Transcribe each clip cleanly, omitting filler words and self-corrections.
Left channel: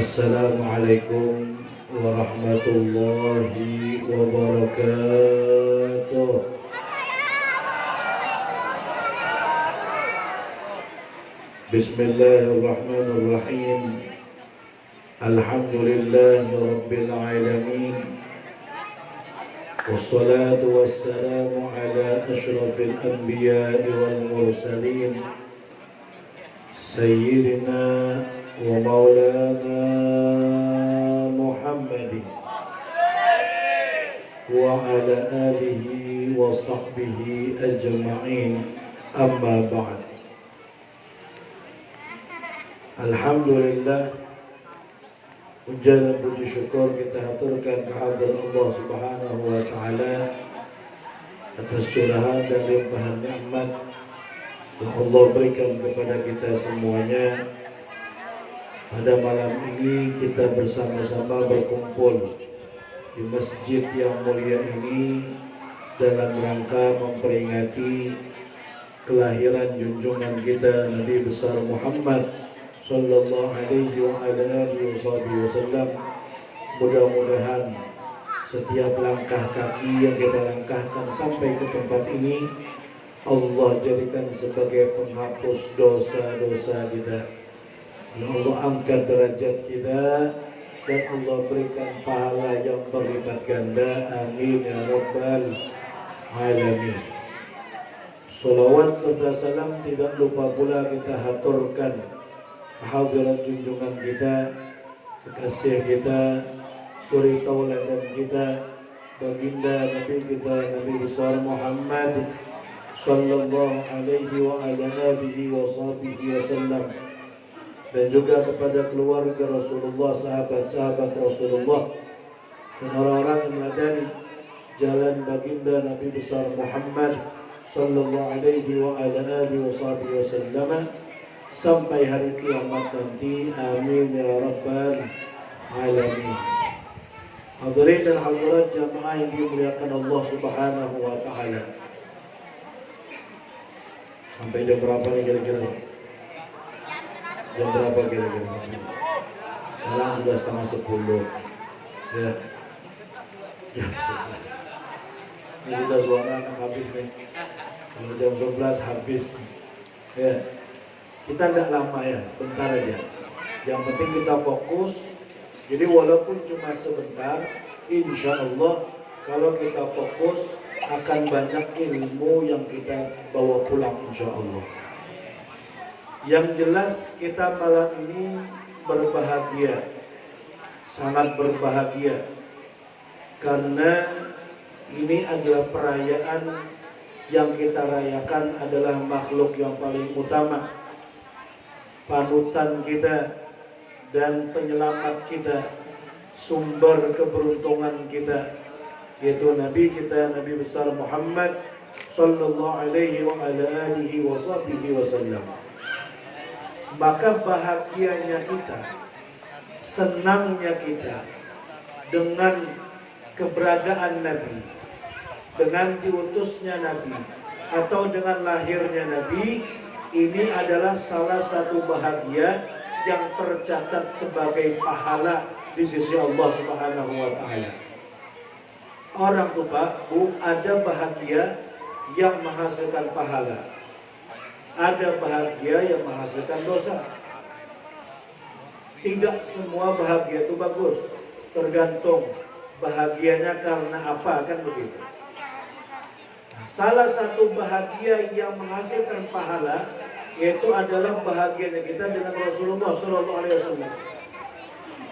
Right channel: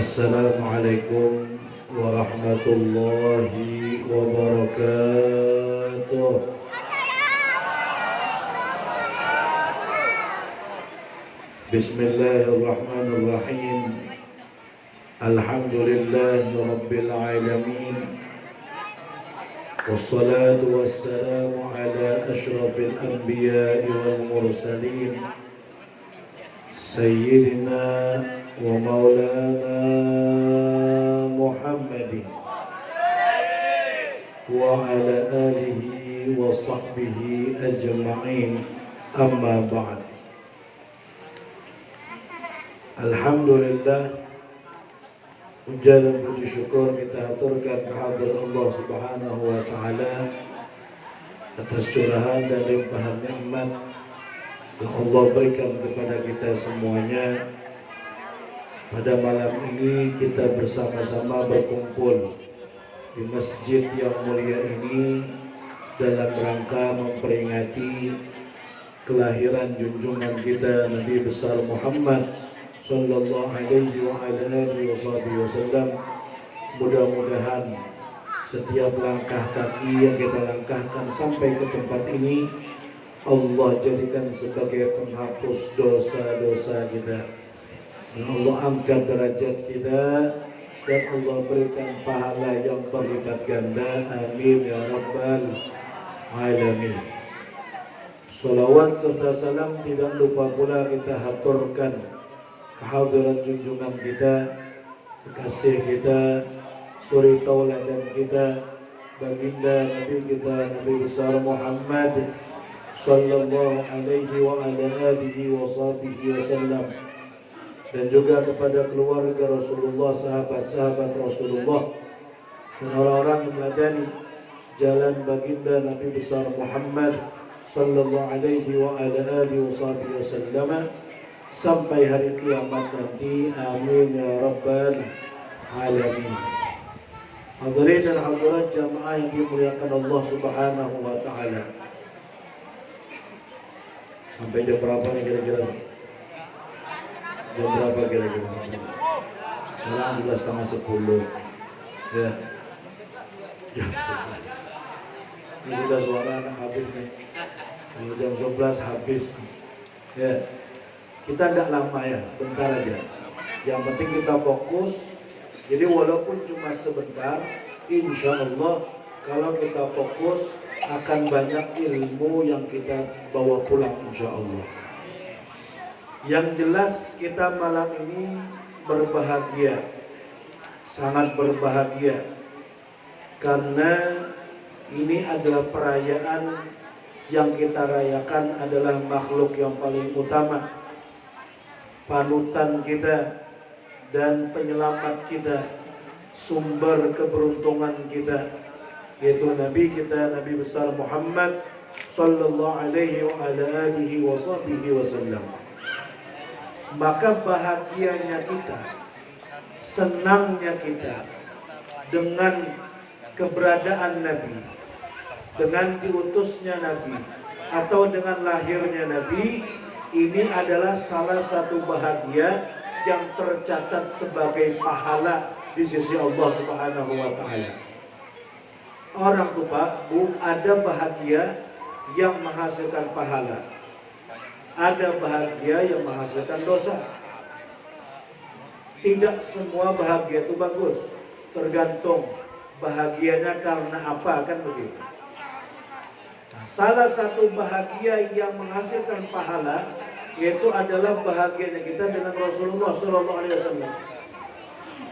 Assalamualaikum warahmatullahi wabarakatuh. Bismillahirrahmanirrahim. Alhamdulillahi rabbil alamin. Wassalatu wassalamu ala ashrafil anbiya'i wal mursalin Sayyidina wa maulana Muhammadin wa ala alihi wa sahbihi ajma'in, amma ba'd. Alhamdulillah, puja dan puji syukur kita haturkan kehadirat Allah Subhanahu wa taala atas curahan dan limpahan nikmat yang Allah berikan kepada kita semuanya. Pada malam ini kita bersama-sama berkumpul di masjid yang mulia ini dalam rangka memperingati kelahiran junjungan kita Nabi besar Muhammad sallallahu alaihi wa alihi wasallam. Mudah-mudahan setiap langkah kaki yang kita langkahkan sampai ke tempat ini Allah jadikan sebagai penghapus dosa-dosa kita. Dan Allah angkat derajat kita dan Allah berikan pahala yang berlipat ganda. Amin ya rabbal alamin. Salawat serta salam tidak lupa pula kita haturkan kehadiran junjungan kita, kekasih kita, suri tauladan kita, baginda Nabi kita Nabi besar Muhammad sallallahu alaihi wa ala alihi wa sahbihi wasallam, dan juga kepada keluarga Rasulullah, sahabat-sahabat Rasulullah, dan orang-orang yang meladani jalan baginda Nabi besar Muhammad sallallahu alaihi wa ala alihi wa sahbihi wasallam sampai hari kiamat nanti. Amin ya rabbal alamin. Hadirin dan hadirat jamaah yang dimuliakan Allah Subhanahu wa taala. Sampai jam berapa nih kira-kira? Jam berapa kira-kira? Sekarang juga 9:30. Ya. Jam 11. Ini sudah suara anak habis nih. Kalau jam 11 habis. Ya. Kita tidak lama ya, sebentar aja. Yang penting kita fokus. Jadi walaupun cuma sebentar, insya Allah kalau kita fokus akan banyak ilmu yang kita bawa pulang insya Allah. Yang jelas kita malam ini berbahagia, sangat berbahagia, karena ini adalah perayaan yang kita rayakan adalah makhluk yang paling utama, panutan kita dan penyelamat kita, sumber keberuntungan kita, yaitu Nabi kita Nabi besar Muhammad sallallahu alaihi wa ala alihi wa sahbihi wasallam. Maka bahagianya kita, senangnya kita dengan keberadaan Nabi, dengan diutusnya Nabi, atau dengan lahirnya Nabi. Ini adalah salah satu bahagia yang tercatat sebagai pahala di sisi Allah Subhanahu wa taala. Orang tuh Pak, Bu, ada bahagia yang menghasilkan pahala, ada bahagia yang menghasilkan dosa. Tidak semua bahagia itu bagus, tergantung bahagianya karena apa, kan begitu. Nah, salah satu bahagia yang menghasilkan pahala yaitu adalah bahagianya kita dengan Rasulullah SAW.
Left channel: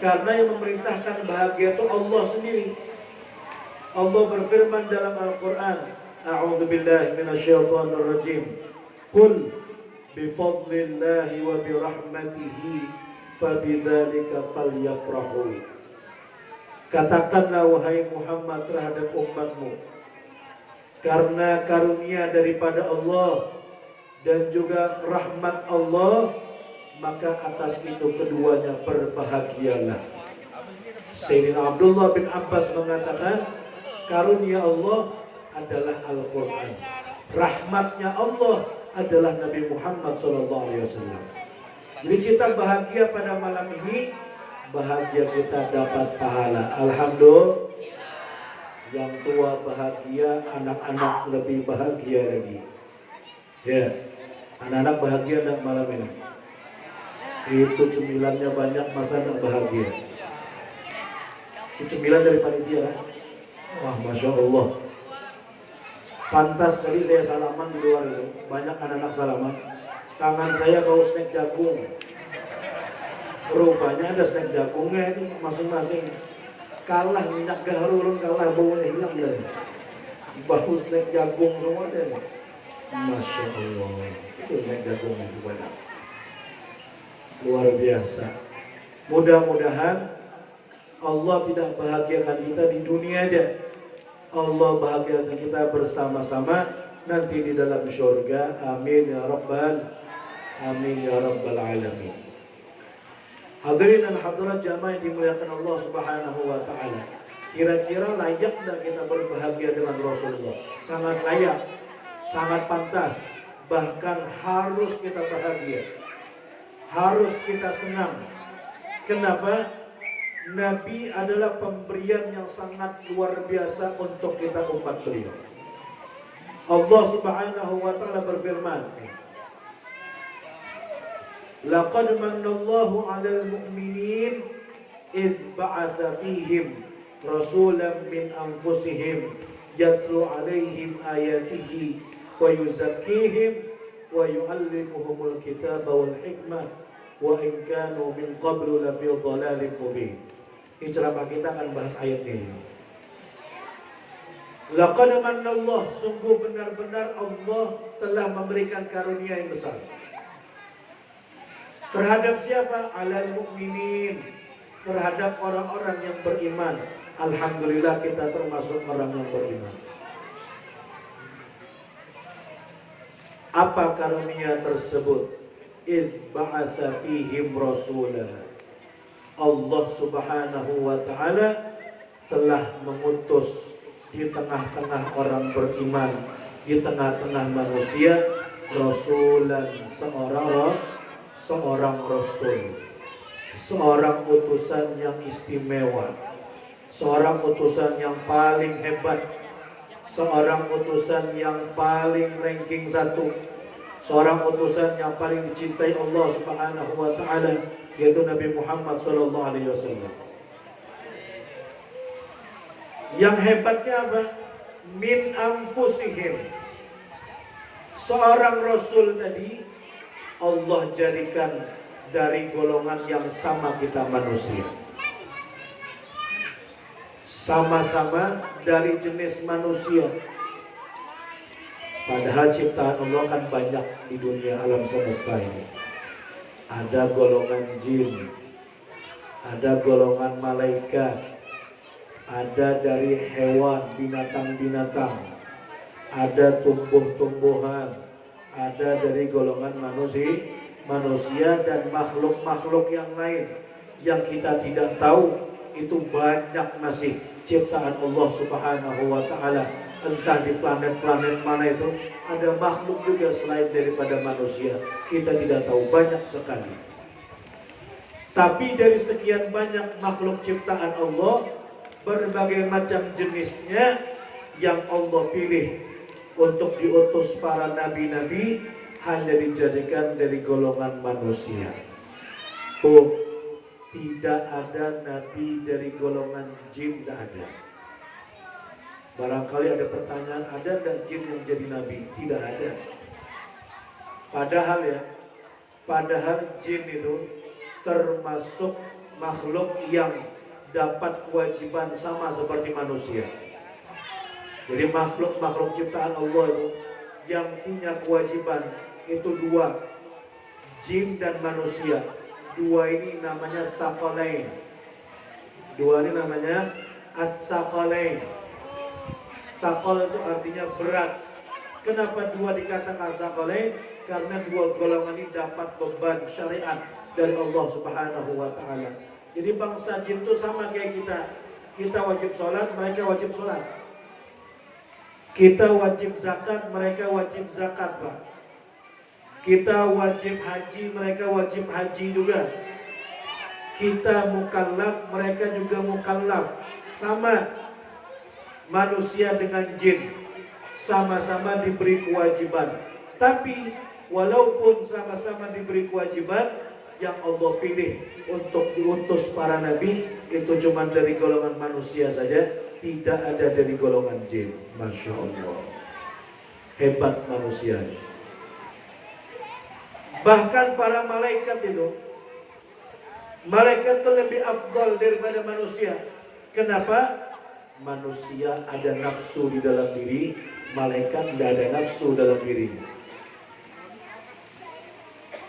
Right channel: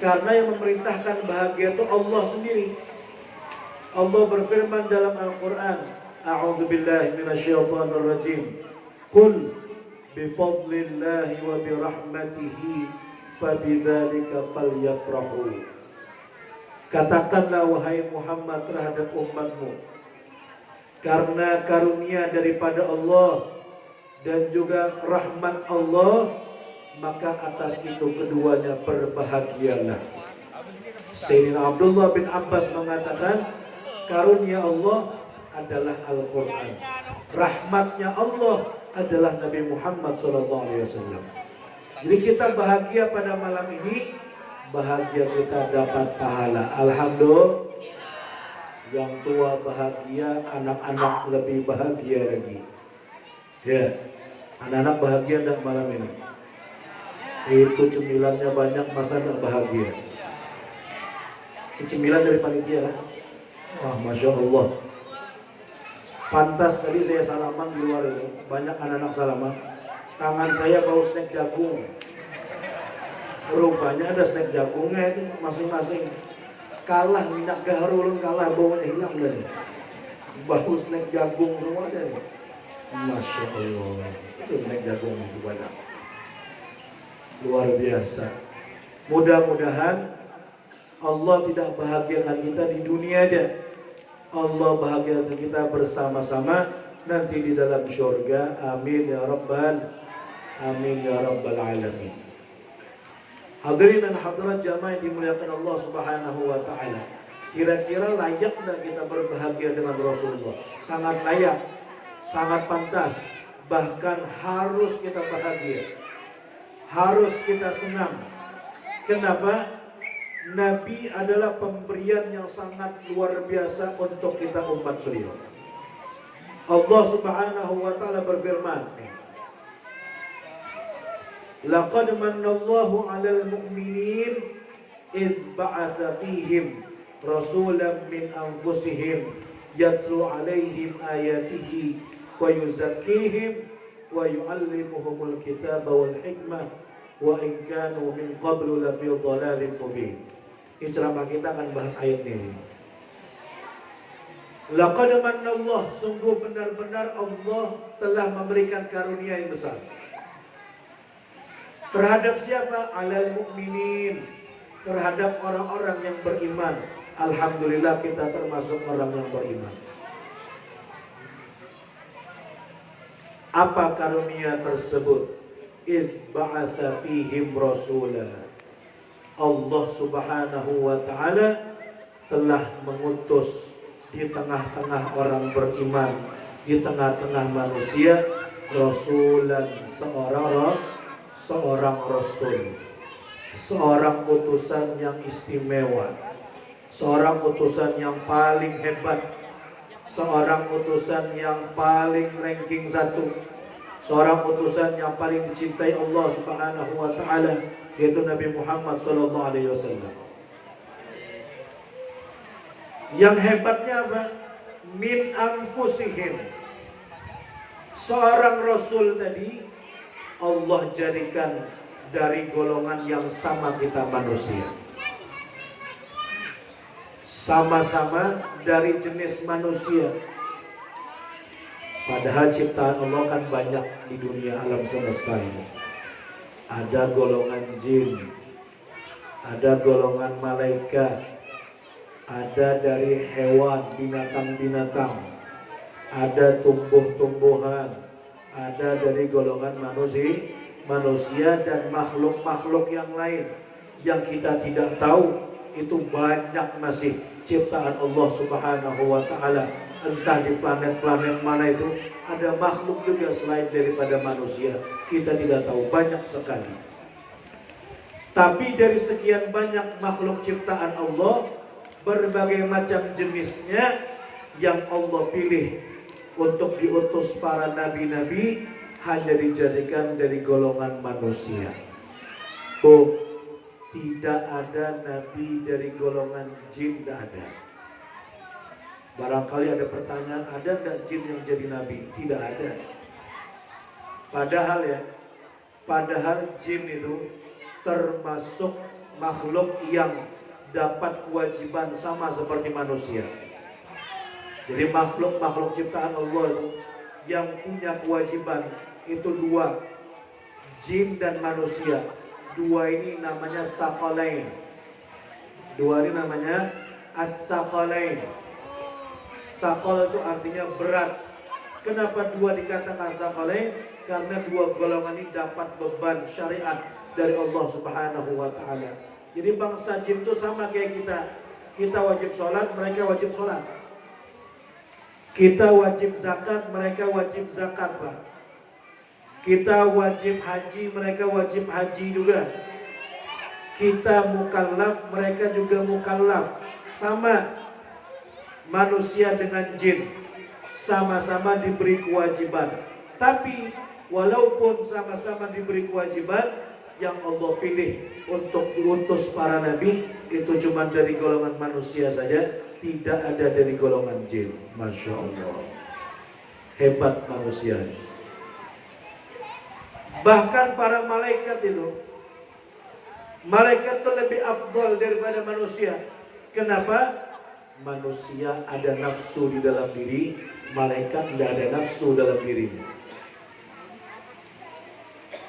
Karena yang memerintahkan bahagia itu Allah sendiri. Allah berfirman dalam Al-Quran, A'udzubillahi minasyaitonirrajim. Qul bifadlillahi wa birahmatihi fabidzalika falyafrahu. Katakanlah wahai Muhammad terhadap umatmu, karena karunia daripada Allah dan juga rahmat Allah, maka atas itu keduanya berbahagialah. Sayyidina Abdullah bin Abbas mengatakan, karunia Allah adalah Al-Quran, rahmatnya Allah adalah Nabi Muhammad SAW. Jadi kita bahagia pada malam ini bahagia kita dapat pahala. Alhamdulillah. Yang tua bahagia, anak-anak lebih bahagia lagi. Ya, anak-anak bahagia enggak malam ini? Itu cemilannya banyak, masa enggak bahagia? Itu cemilan dari panitia lah. Wah, Masya Allah. Pantas tadi saya salaman di luar itu, banyak anak-anak salaman. Tangan saya bau snack jagung. Rupanya ada snack jagungnya itu masing-masing. Kalah minyak garul, kalah baunya hilang dari. Bau snack jagung semua dari. Masya Allah. Itu snack jagung itu banyak. Luar biasa. Mudah-mudahan Allah tidak bahagiakan kita di dunia aja. Allah bahagiakan kita bersama-sama nanti di dalam syurga. Amin ya rabbal alamin. Hadirin dan hadirat jamaah yang dimuliakan Allah Subhanahu wa taala. Kira-kira layak enggak kita berbahagia dengan Rasulullah? Sangat layak, sangat pantas, bahkan harus kita bahagia. Harus kita senang. Kenapa? Nabi adalah pemberian yang sangat luar biasa untuk kita umat beliau. Allah Subhanahu wa taala berfirman, "Laqad manallahu 'alal mu'minin id ba'atsa fihim rasulan min anfusihim yatlu 'alaihim ayatihi wa yuzakkihim wa yu'allimuhumul kitaba wal hikmah wa in kanu min qablu lafi dhalalin mubin." Ini ceramah kita akan bahas ayat ini. Laqad manallahu, sungguh benar-benar Allah telah memberikan karunia yang besar. Terhadap siapa? Alal mu'minin, terhadap orang-orang yang beriman. Alhamdulillah kita termasuk orang yang beriman. Apa karunia tersebut? Idh ba'atha fihim rasulah. Allah Subhanahu wa taala telah mengutus di tengah-tengah orang beriman, di tengah-tengah manusia, rasulan, seorang rasul, seorang utusan yang istimewa, seorang utusan yang paling hebat, seorang utusan yang paling ranking 1, seorang utusan yang paling dicintai Allah Subhanahu wa taala, yaitu Nabi Muhammad sallallahu alaihi wasallam. Yang hebatnya apa? Min anfusihim. Seorang rasul tadi Allah jadikan dari golongan yang sama kita manusia. Sama-sama dari jenis manusia. Padahal ciptaan Allah kan banyak di dunia alam semesta ini. Ada golongan jin, ada golongan malaikat, ada dari hewan, binatang-binatang, ada tumbuh-tumbuhan, ada dari golongan manusia dan makhluk-makhluk yang lain yang kita tidak tahu. Itu banyak masih ciptaan Allah Subhanahu wa taala. Entah di planet-planet mana itu ada makhluk juga selain daripada manusia. Kita tidak tahu, banyak sekali. Tapi dari sekian banyak makhluk ciptaan Allah, berbagai macam jenisnya yang Allah pilih untuk diutus para nabi-nabi hanya dijadikan dari golongan manusia. Tidak ada nabi dari golongan jin, tidak ada. Barangkali ada pertanyaan, ada enggak jin yang jadi nabi? Tidak ada. Padahal jin itu termasuk makhluk yang dapat kewajiban sama seperti manusia. Jadi makhluk ciptaan Allah itu yang punya kewajiban itu dua, jin dan manusia. Dua ini namanya tsaqalain. Dua ini namanya as-tsaqalain. Tsaqal itu artinya berat. Kenapa dua dikatakan tsaqalain? Karena dua golongan ini dapat beban syariat dari Allah Subhanahu wa taala. Jadi bangsa jin itu sama kayak kita. Kita wajib sholat, mereka wajib sholat. Kita wajib zakat, mereka wajib zakat, Pak. Kita wajib haji, mereka wajib haji juga. Kita mukallaf, mereka juga mukallaf. Sama manusia dengan jin, sama-sama diberi kewajiban. Tapi walaupun sama-sama diberi kewajiban, yang Allah pilih untuk diutus para nabi itu cuma dari golongan manusia saja, tidak ada dari golongan jin. Masya Allah, hebat manusia. Bahkan para malaikat itu, malaikat itu lebih afdal daripada manusia. Kenapa? Manusia ada nafsu di dalam diri, malaikat tidak ada nafsu dalam dirinya.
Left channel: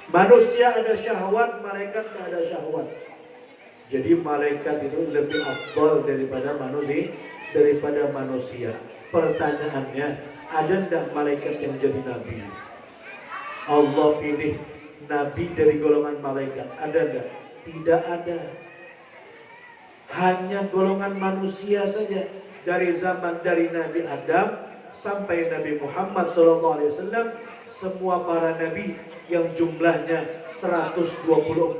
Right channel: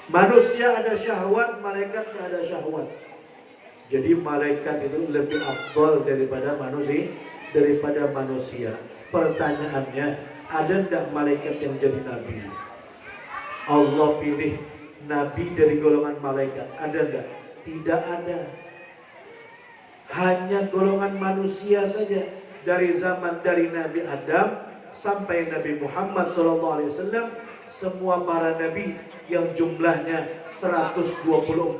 Manusia ada syahwat, malaikat tidak ada syahwat. Jadi malaikat itu lebih afdal daripada manusia. Pertanyaannya, ada tidak malaikat yang jadi nabi? Allah pilih nabi dari golongan malaikat, ada tidak? Tidak ada. Hanya golongan manusia saja. Dari Nabi Adam sampai Nabi Muhammad SAW, semua para nabi yang jumlahnya 124.000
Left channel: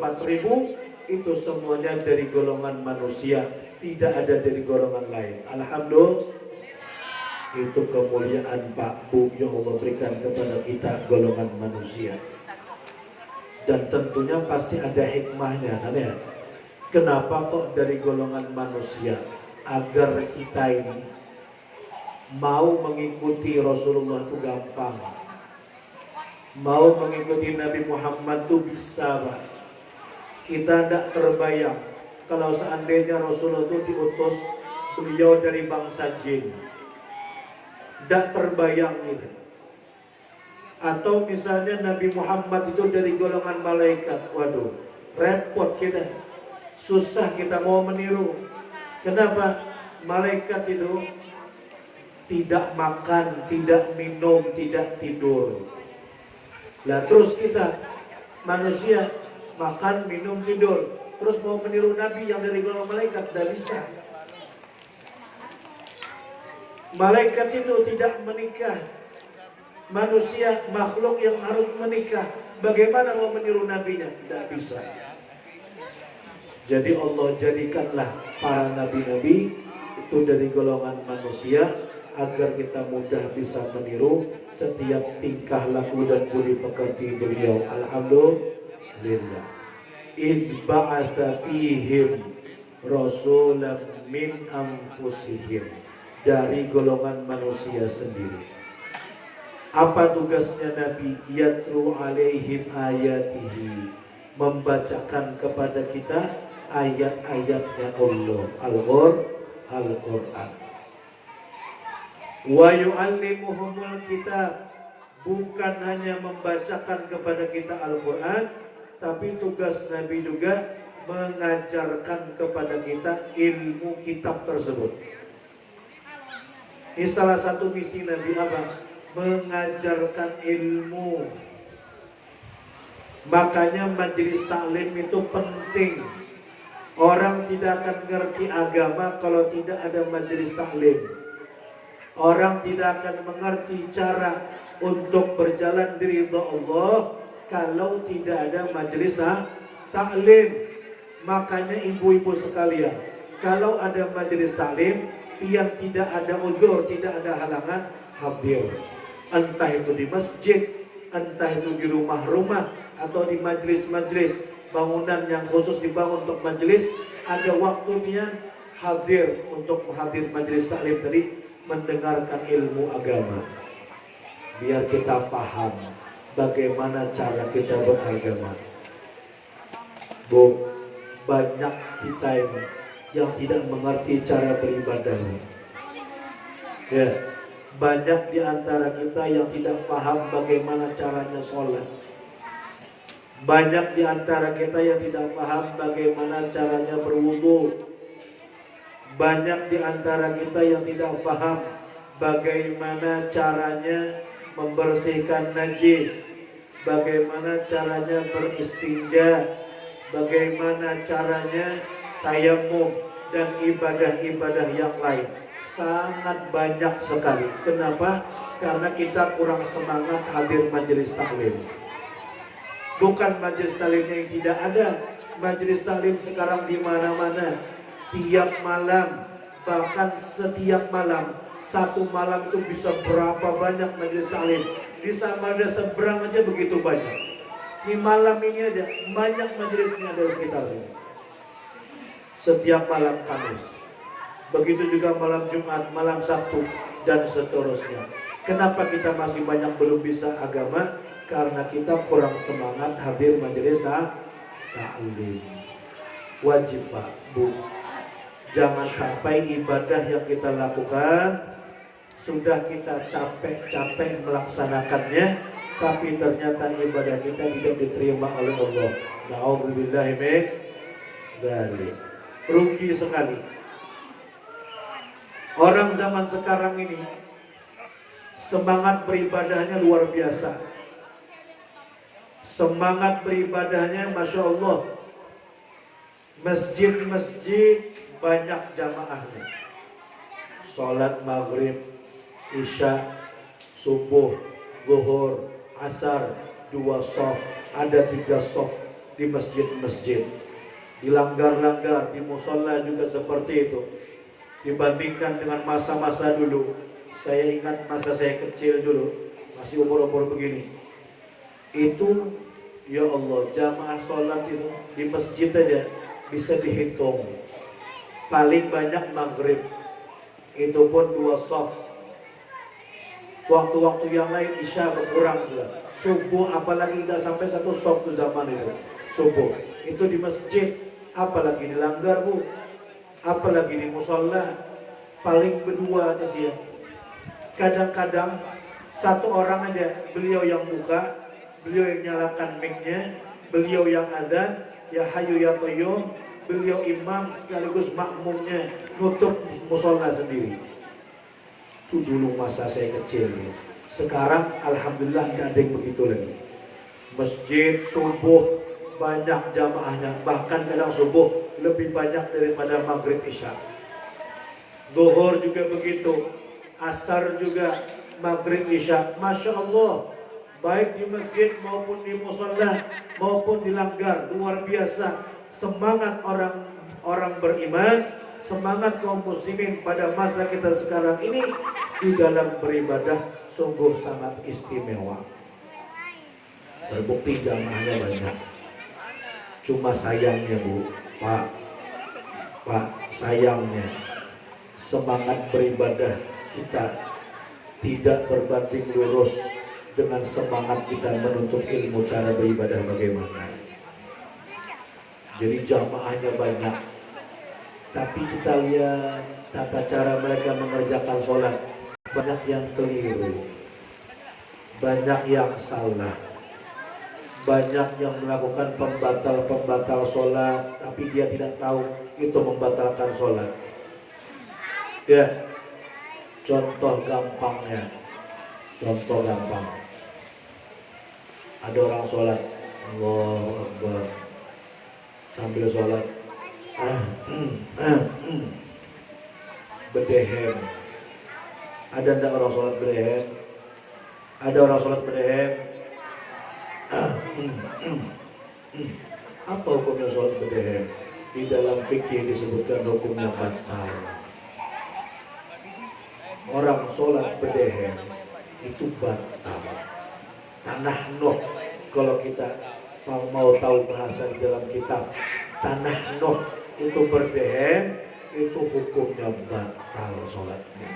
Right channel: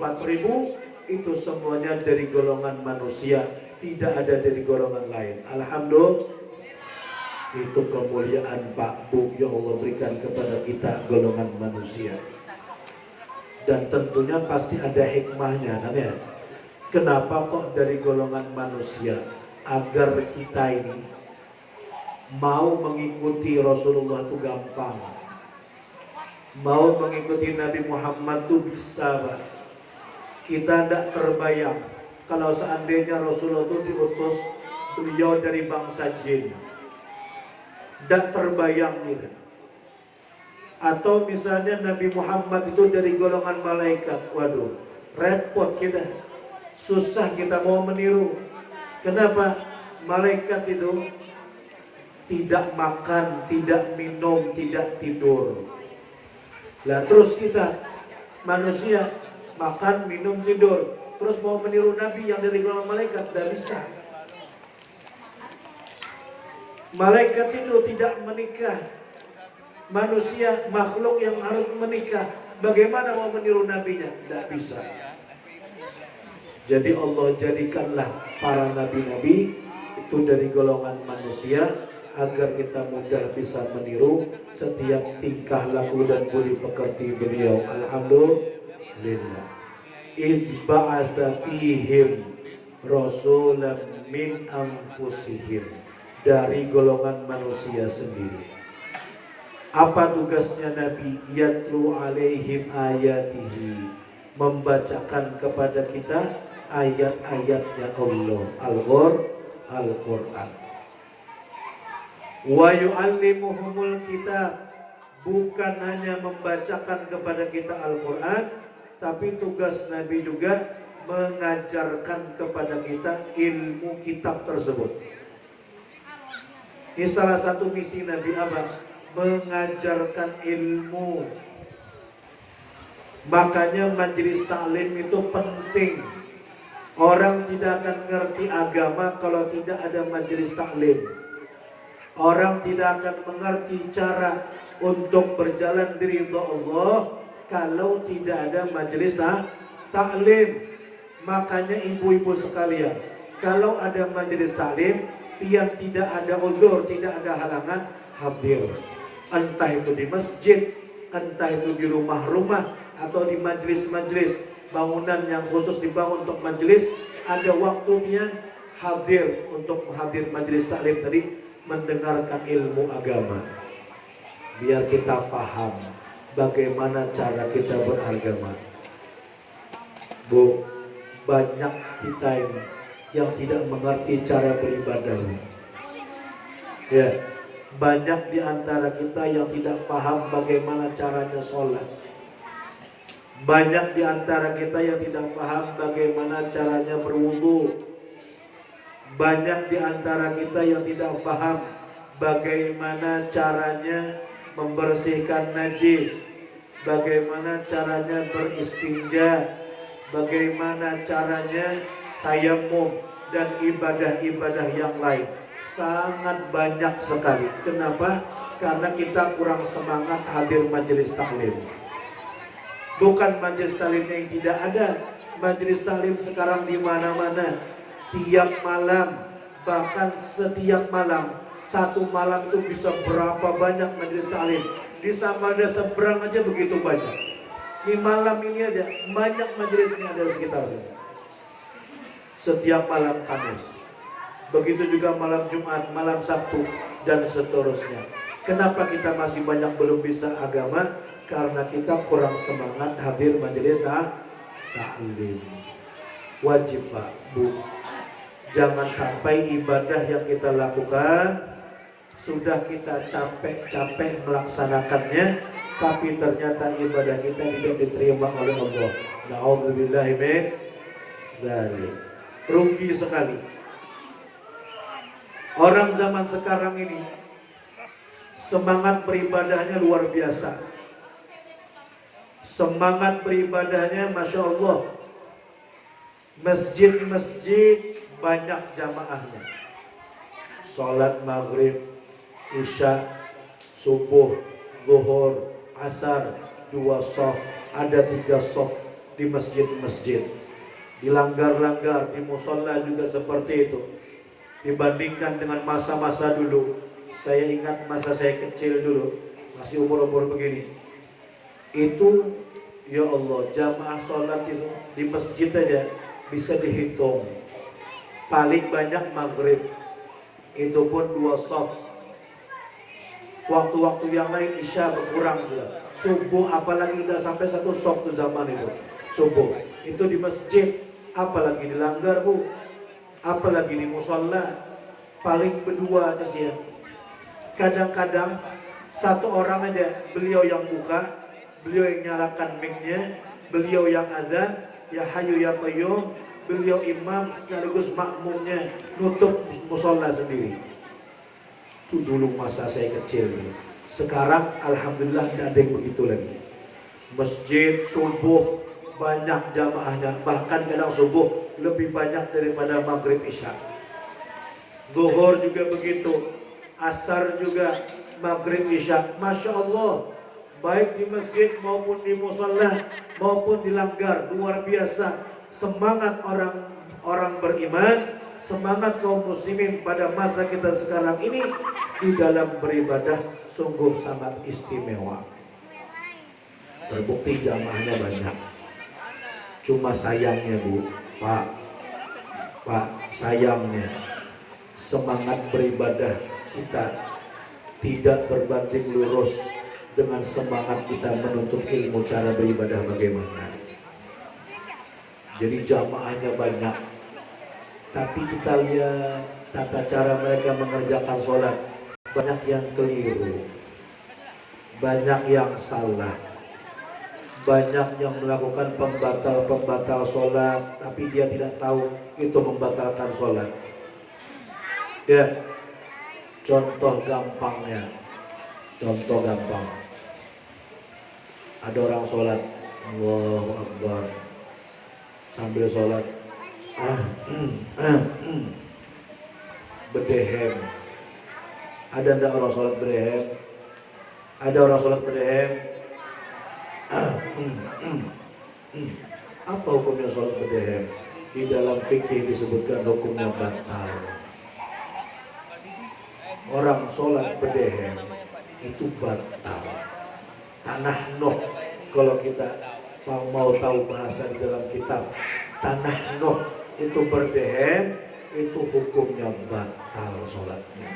itu semuanya dari golongan manusia, tidak ada dari golongan lain. Alhamdulillah, itu kemuliaan Pak Bu yang Allah berikan kepada kita golongan manusia. Dan tentunya pasti ada hikmahnya kan ya. Kenapa kok dari golongan manusia? Agar kita ini mau mengikuti Rasulullah itu gampang. Mau mengikuti Nabi Muhammad itu bisa, Pak. Kita tidak terbayang kalau seandainya Rasulullah itu diutus beliau dari bangsa jin. Tidak terbayang gitu. Atau misalnya Nabi Muhammad itu dari golongan malaikat. Waduh, repot kita. Susah kita mau meniru. Kenapa? Malaikat itu tidak makan, tidak minum, tidak tidur. Lah terus kita manusia makan, minum, tidur, terus mau meniru Nabi yang dari golongan malaikat, tidak bisa. Malaikat itu tidak menikah. Manusia makhluk yang harus menikah. Bagaimana mau meniru nabinya? Tidak bisa. Jadi Allah jadikanlah para nabi-nabi itu dari golongan manusia agar kita mudah bisa meniru setiap tingkah laku dan budi pekerti beliau. Alhamdulillah. Idh ba'atha fihim rasulan min anfusihim, dari golongan manusia sendiri. Apa tugasnya Nabi? Yatlu alaihim ayatihi, membacakan kepada kita ayat-ayatnya Allah, Al-Quran. Wa yu'allimuhumul kitab, bukan hanya membacakan kepada kita Al-Quran, tapi tugas Nabi juga mengajarkan kepada kita ilmu kitab tersebut. Ini salah satu misi Nabi apa? Mengajarkan ilmu. Makanya majelis taklim itu penting. Orang tidak akan ngerti agama kalau tidak ada majelis taklim. Orang tidak akan mengerti cara untuk berjalan di ridha Allah kalau tidak ada majelis taklim. Makanya ibu-ibu sekalian, kalau ada majelis taklim yang tidak ada uzur, tidak ada halangan, hadir. Entah itu di masjid, entah itu di rumah-rumah, atau di majelis-majelis bangunan yang khusus dibangun untuk majelis, ada waktunya hadir untuk hadir majelis taklim tadi, mendengarkan ilmu agama. Biar kita paham bagaimana cara kita beragama. Bu, banyak kita ini yang tidak mengerti cara beribadah. Ya, banyak di antara kita yang tidak paham bagaimana caranya sholat. Banyak di antara kita yang tidak paham bagaimana caranya berwudu. Banyak di antara kita yang tidak paham bagaimana caranya membersihkan najis, bagaimana caranya beristinja, bagaimana caranya tayamum, dan ibadah-ibadah yang lain. Sangat banyak sekali. Kenapa? Karena kita kurang semangat hadir majelis taklim. Bukan majelis taklimnya yang tidak ada, majelis taklim sekarang di mana-mana, tiap malam, bahkan setiap malam. Satu malam itu bisa berapa banyak majelis taklim. Di Samarinda seberang aja begitu banyak. Di malam ini aja banyak majelisnya ada di sekitar sini. Setiap malam Kamis. Begitu juga malam Jumat, malam Sabtu, dan seterusnya. Kenapa kita masih banyak belum bisa agama? Karena kita kurang semangat hadir majelis taklim. Wajib Pak, Bu, jangan sampai ibadah yang kita lakukan sudah kita capek-capek melaksanakannya, tapi ternyata ibadah kita tidak diterima oleh Allah. Na'udzubillahi min dzalik. Rugi sekali. Orang zaman sekarang ini semangat beribadahnya luar biasa. Semangat beribadahnya Masya Allah. Masjid-masjid banyak jamaahnya. Salat maghrib, isya, subuh, zuhur, asar, 2 shaf, ada 3 shaf di masjid-masjid. Dilanggar-langgar, di musola juga seperti itu. Dibandingkan dengan masa-masa dulu, saya ingat masa saya kecil dulu, masih umur-umur begini. Itu, ya Allah, jamaah sholat itu di masjid aja bisa dihitung. Paling banyak maghrib, itu pun 2 shaf. Waktu-waktu yang lain isya berkurang sudah. Subuh apalagi tidak sampai 1 shaf tuh zaman itu. Subuh itu di masjid, apalagi dilanggar Bu, apalagi di musola, paling berdua aja sih ya. Kadang-kadang 1 orang aja, beliau yang buka, beliau yang nyalakan mic-nya, beliau yang adzan, ya Hayyu ya Qayyum, beliau imam sekaligus makmumnya, nutup musola sendiri. Itu dulu masa saya kecil nih. Sekarang alhamdulillah tidak ada yang begitu lagi. Masjid subuh banyak jamaahnya, bahkan kadang subuh lebih banyak daripada maghrib isya. Zuhur juga begitu, asar juga, maghrib isya. Masya Allah, baik di masjid maupun di musola maupun di langgar, luar biasa. Semangat orang beriman, semangat kaum muslimin pada masa kita sekarang ini di dalam beribadah sungguh sangat istimewa. Terbukti jamaahnya banyak. Cuma sayangnya Bu, Pak, sayangnya semangat beribadah kita tidak berbanding lurus dengan semangat kita menuntut ilmu cara beribadah bagaimana. Jadi jamaahnya banyak, tapi kita lihat tata cara mereka mengerjakan sholat, banyak yang keliru, banyak yang salah, banyak yang melakukan pembatal sholat, tapi dia tidak tahu itu membatalkan sholat. Ya, contoh gampang, ada orang sholat, Allahu Akbar, sambil sholat bedehem. Ada enggak orang sholat bedehem? Ada orang sholat bedehem? Apa hukumnya sholat bedehem? Di dalam fikih disebutkan hukumnya batal. Orang sholat bedehem itu batal. Tanah Nuh, kalau kita mau tahu bahasa di dalam kitab, tanah Nuh itu berdehem, itu hukumnya batal sholatnya.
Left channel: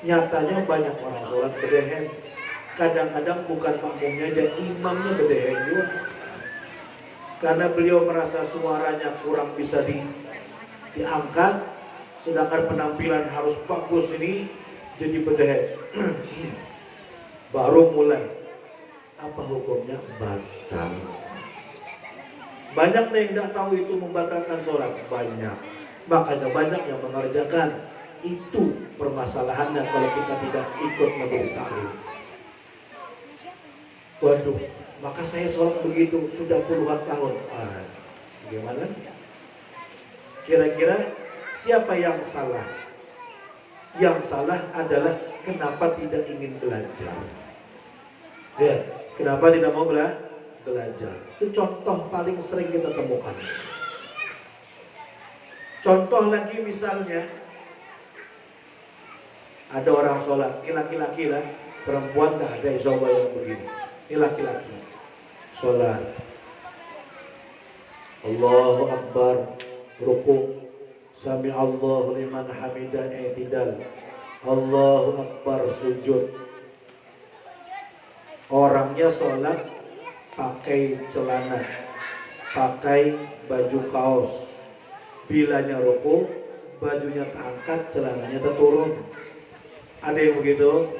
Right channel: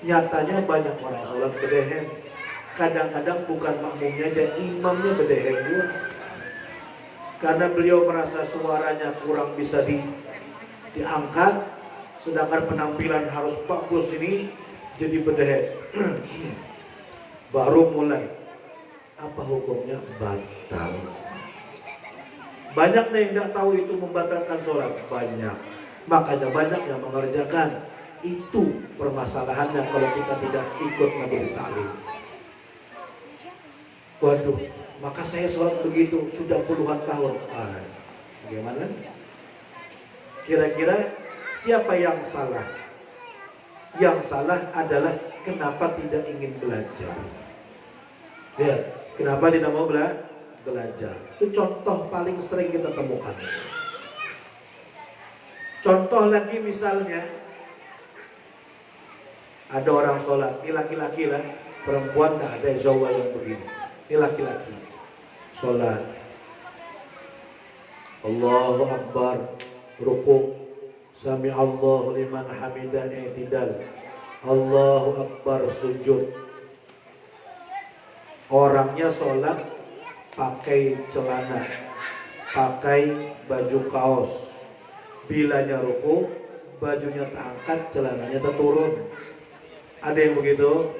Nyatanya banyak orang sholat bedehem. Kadang-kadang bukan makmumnya aja, imamnya bedehem juga. Karena beliau merasa suaranya kurang bisa diangkat, sedangkan penampilan harus bagus ini, jadi bedehem. Baru mulai. Apa hukumnya? Batal. Banyak yang tidak tahu itu membatalkan sholat. Banyak. Makanya banyak yang mengerjakan. Itu permasalahannya kalau kita tidak ikut majelis taklim. Waduh, maka saya sholat begitu sudah puluhan tahun. Bagaimana? Kira-kira siapa yang salah? Yang salah adalah kenapa tidak ingin belajar. Ya, kenapa tidak mau belajar. Itu contoh paling sering kita temukan. Contoh lagi misalnya, ada orang sholat, ini laki-laki lah, perempuan dah ada Jawa yang begini. Ini laki-laki, sholat, Allahu Akbar, ruku, Sami Allahu liman hamidah, i'tidal, Allahu Akbar, sujud. Orangnya sholat pakai celana, pakai baju kaos. Bilanya ruku, bajunya terangkat, celananya terturun. Ada yang begitu?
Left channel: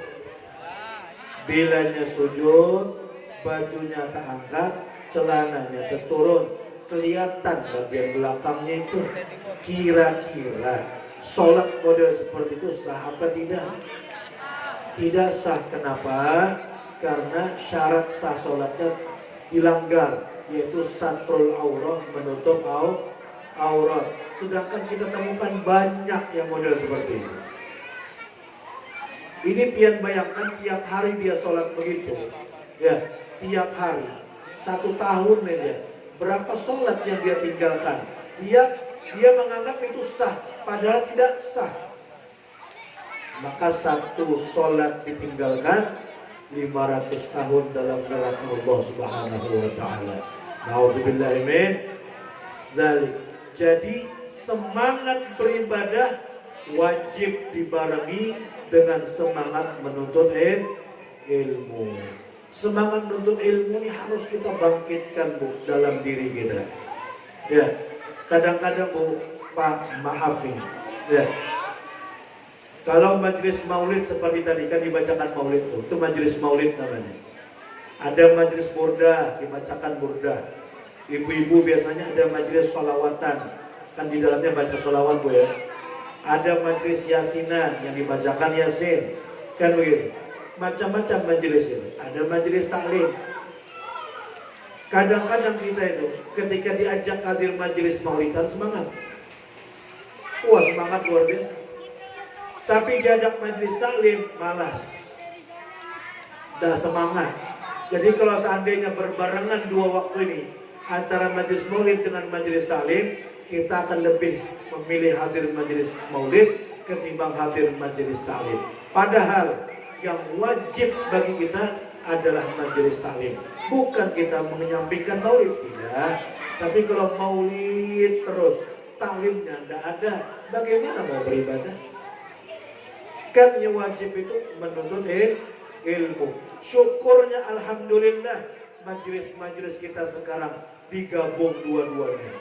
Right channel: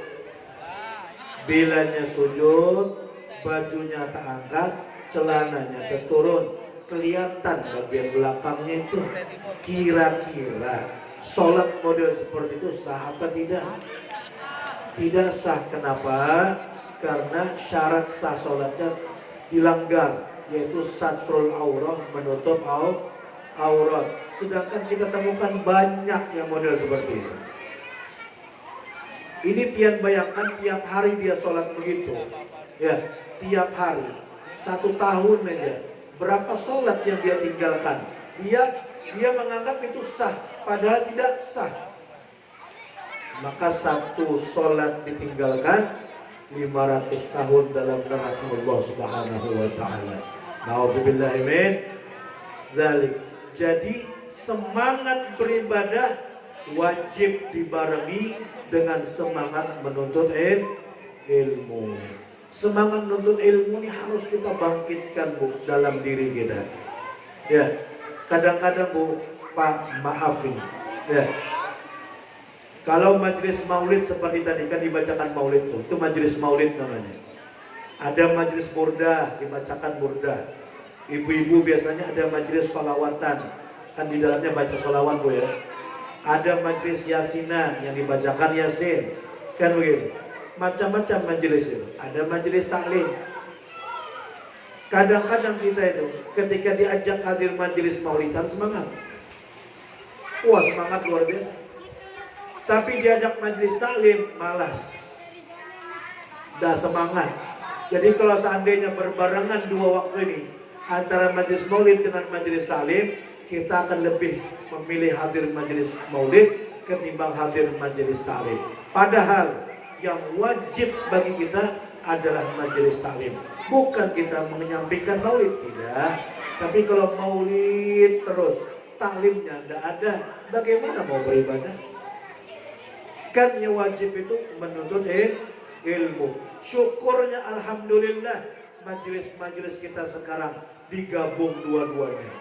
Bilanya sujud, bajunya terangkat, celananya terturun. Kelihatan bagian belakangnya itu. Kira-kira sholat model seperti itu sah apa tidak? Tidak sah. Kenapa? Karena syarat sah sholatnya dilanggar, yaitu satrul aurah, menutup aurat. Sedangkan kita temukan banyak yang model seperti ini. Ini pian bayangkan tiap hari dia sholat begitu, ya, tiap hari, 1 tahun aja. Berapa sholat yang dia tinggalkan? Dia menganggap itu sah, padahal tidak sah. Maka 1 sholat ditinggalkan 500 tahun dalam neraka Allah Subhanahu wa taala. Nauzubillahi min dzalik. Jadi semangat beribadah wajib dibarengi dengan semangat menuntut ilmu. Semangat menuntut ilmu ini harus kita bangkitkan, Bu, dalam diri kita. Ya, kadang-kadang, Bu, Pak, maaf ini. Ya, kalau majelis maulid seperti tadi kan dibacakan maulid itu majelis maulid namanya. Ada majelis burdah, dibacakan burdah. Ibu-ibu biasanya ada majelis sholawatan, kan di dalamnya baca sholawat, Bu, ya. Ada majelis yasinan yang dibacakan yasin, kan begitu. Macam-macam majelis itu. Ada majelis taklim. Kadang-kadang kita itu ketika diajak hadir majelis maulidan semangat. Wah, semangat luar biasa. Tapi diajak majelis taklim malas. Dah semangat. Jadi kalau seandainya berbarengan 2 waktu ini, antara majelis maulid dengan majelis taklim, kita akan lebih memilih hadir majelis maulid ketimbang hadir majelis taklim. Padahal yang wajib bagi kita adalah majelis taklim. Bukan kita menyampaikan maulid, tidak. Tapi kalau maulid terus, taklimnya tidak ada, bagaimana mau beribadah? Kan yang wajib itu menuntut ilmu. Syukurnya alhamdulillah majelis-majelis kita sekarang digabung dua-duanya.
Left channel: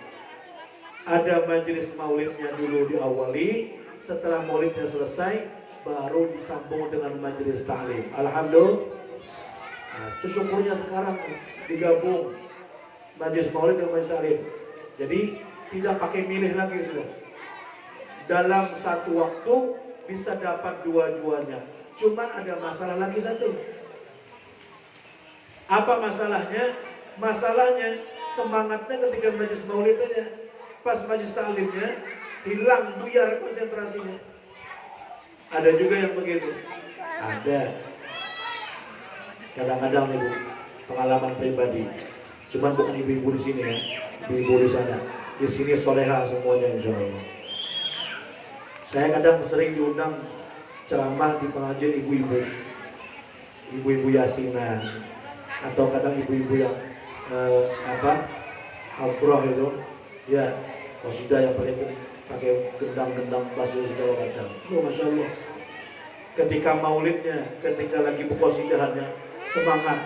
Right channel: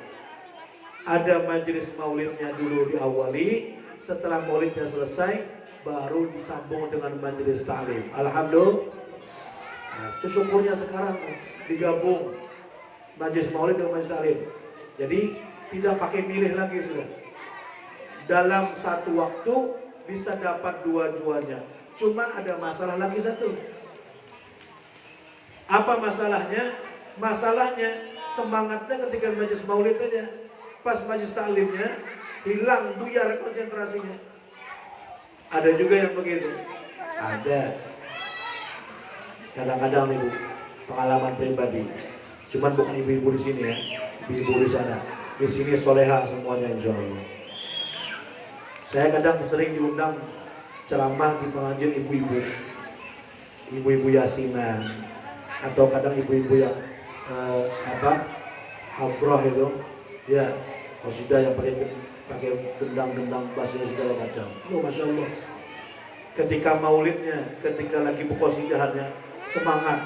Ada majelis maulidnya dulu diawali, setelah maulidnya selesai baru disambung dengan majelis taklim. Alhamdulillah. Nah, itu syukurnya sekarang digabung majelis maulid dengan majelis taklim. Jadi tidak pakai milih lagi sudah. Dalam satu waktu bisa dapat dua-duanya. Cuma ada masalah lagi satu. Apa masalahnya? Masalahnya semangatnya ketika majelis maulid aja. Pas majelis taklimnya hilang, buyar konsentrasinya. Ada juga yang begitu. Ada. Kadang-kadang nih, Bu, pengalaman pribadi. Cuman bukan ibu-ibu di sini ya, ibu-ibu di sana. Di sini soleha semuanya insya Allah. Saya kadang sering diundang ceramah di pengajian ibu-ibu, ibu-ibu yasinan, atau kadang ibu-ibu yang hadroh itu, ya, qasidah yang pakai gendang-gendang bass segala macam. Oh, masya Allah. Ketika maulidnya, ketika lagi berqasidahannya, semangat.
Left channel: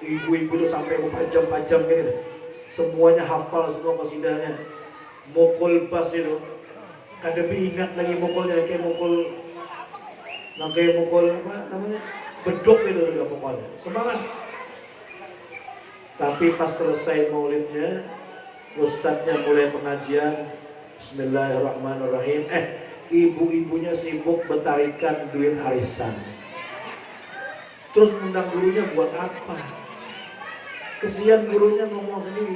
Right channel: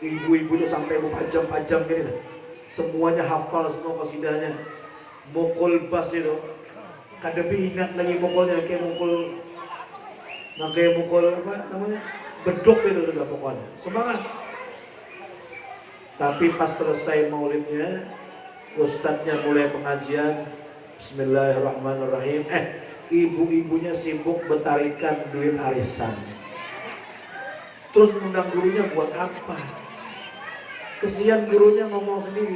Ibu-ibu itu sampai berpajam-pajam gini, semuanya hafal semua qasidahnya. Mukul bass itu, kadang ingat lagi mukulnya, kayak mukul apa namanya, bedok itu juga pokoknya. Semangat. Tapi pas selesai maulidnya, ustadznya mulai pengajian, Bismillahirrahmanirrahim. Ibu-ibunya sibuk betarikan duit arisan. Terus undang gurunya buat apa? Kesian gurunya ngomong sendiri.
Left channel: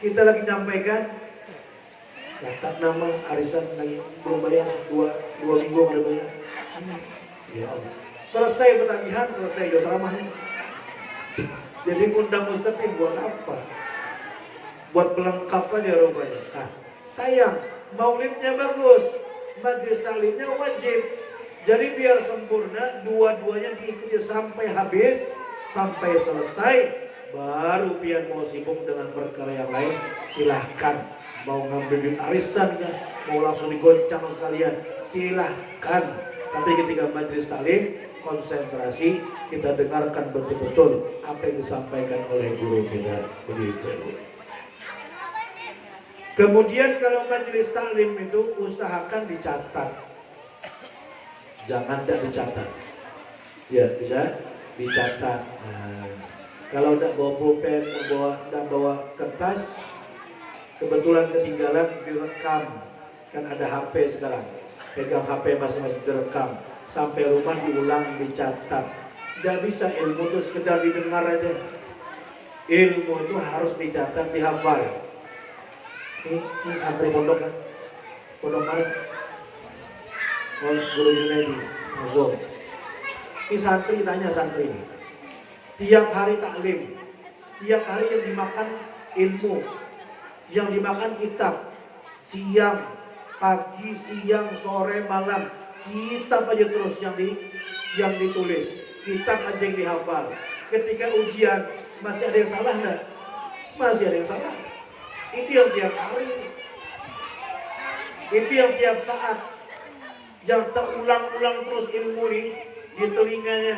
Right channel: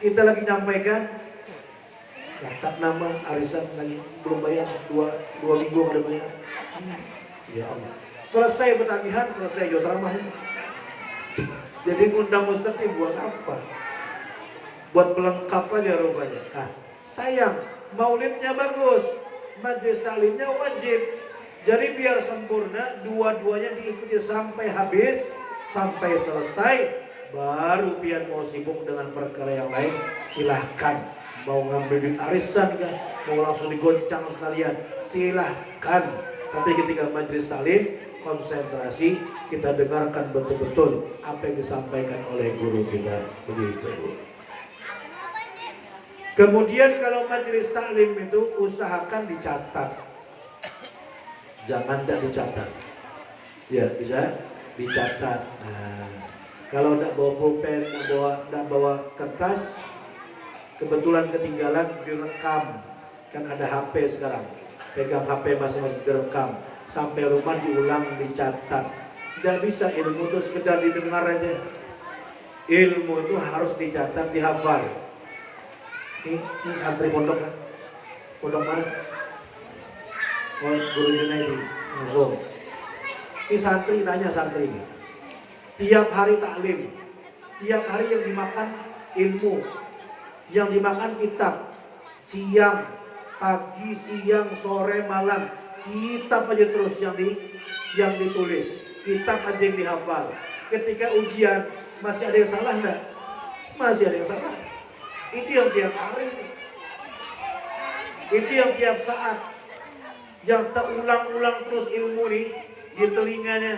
Kita lagi nyampaikan, catat nama arisan lagi belum bayar, dua minggu ada bayar. Ya Allah. Selesai petagihan, selesai ceramahnya. Jadi ngundang ustadz ini buat apa? Buat pelengkap aja rupanya. Nah, sayang, maulidnya bagus, majelis taklimnya wajib. Jadi biar sempurna, dua-duanya diikuti sampai habis, sampai selesai. Baru pian mau sibuk dengan perkara yang lain, silahkan. Mau ngambil duit arisan ya, mau langsung digoncang sekalian, silahkan. Tapi ketika majelis taklim, konsentrasi, kita dengarkan betul-betul apa yang disampaikan oleh guru kita. Begitu. Kemudian kalau majelis taklim itu usahakan dicatat. Jangan tidak dicatat. Ya, bisa dicatat. Nah, kalau tidak bawa pulpen, tidak bawa kertas, kebetulan ketinggalan direkam. Kan ada HP sekarang. Pegang HP masing-masing direkam. Sampai rumah diulang, dicatat. Tidak bisa ilmu itu sekedar didengar aja. Ilmu itu harus dicatat, dihafal. Ini santri pondok kan? Pondok mana? Oh, Guru Junaidi. Langsung. Ini santri, tanya santri ini. Tiap hari taklim, tiap hari yang dimakan ilmu, yang dimakan kitab, siang, pagi, siang, sore, malam, kitab aja terus yang ditulis, kitab aja yang dihafal. Ketika ujian masih ada yang salah enggak? Masih ada yang salah. Itu yang tiap hari, itu yang tiap saat, yang terulang-ulang terus ilmu nih di telinganya,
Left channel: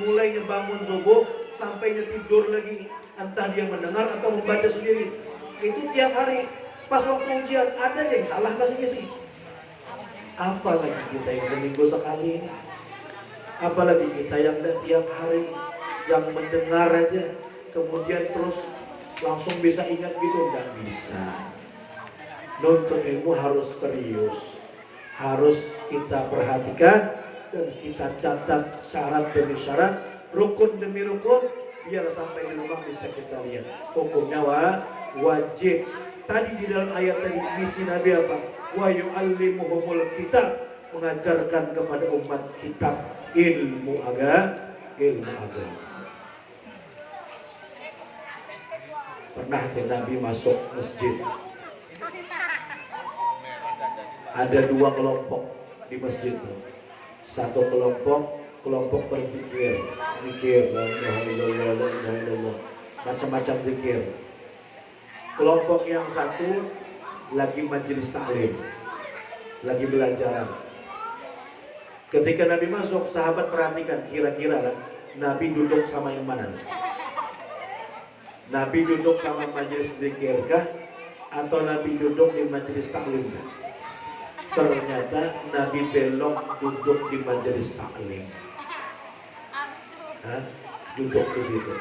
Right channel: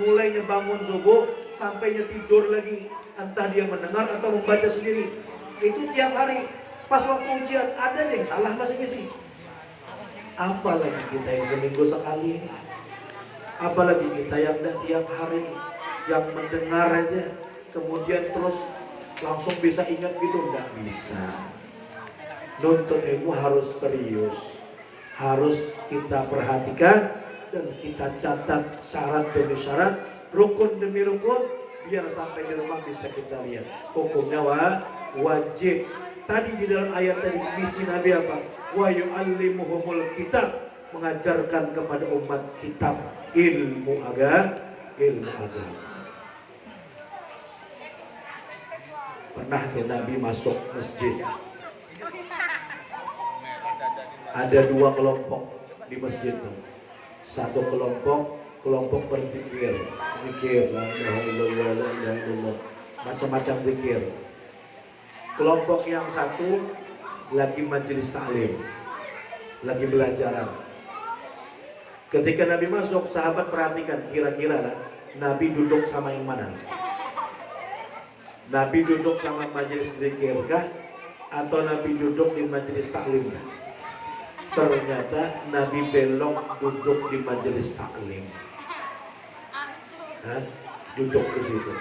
mulainya bangun subuh sampainya tidur lagi, entah dia mendengar atau membaca sendiri. Itu tiap hari. Pas waktu ujian ada yang salah masing-masing. Apalagi kita yang seminggu sekali, apalagi kita yang tiap hari, yang mendengar aja, kemudian terus langsung bisa ingat gitu, nggak bisa. Nuntut ilmu harus serius, harus kita perhatikan dan kita catat syarat demi syarat, rukun demi rukun, biar sampai di rumah bisa kita lihat. Hukumnya wajib. Tadi di dalam ayat tadi misi Nabi apa? Wa yu'allimuhumul kitab, mengajarkan kepada umat kitab, ilmu agama. Pernah tuh Nabi masuk masjid. Ada dua kelompok di masjid. Satu kelompok berzikir, la ilaha illallah, la ilaha illallah, macam-macam zikir. Kelompok yang satu lagi majelis taklim, lagi belajar. Ketika Nabi masuk, sahabat perhatikan kira-kira lah, Nabi duduk sama yang mana? Nabi duduk sama majelis zikir kah? Atau Nabi duduk di majelis taklim? Ternyata Nabi belok duduk di majelis taklim. Duduk di situ.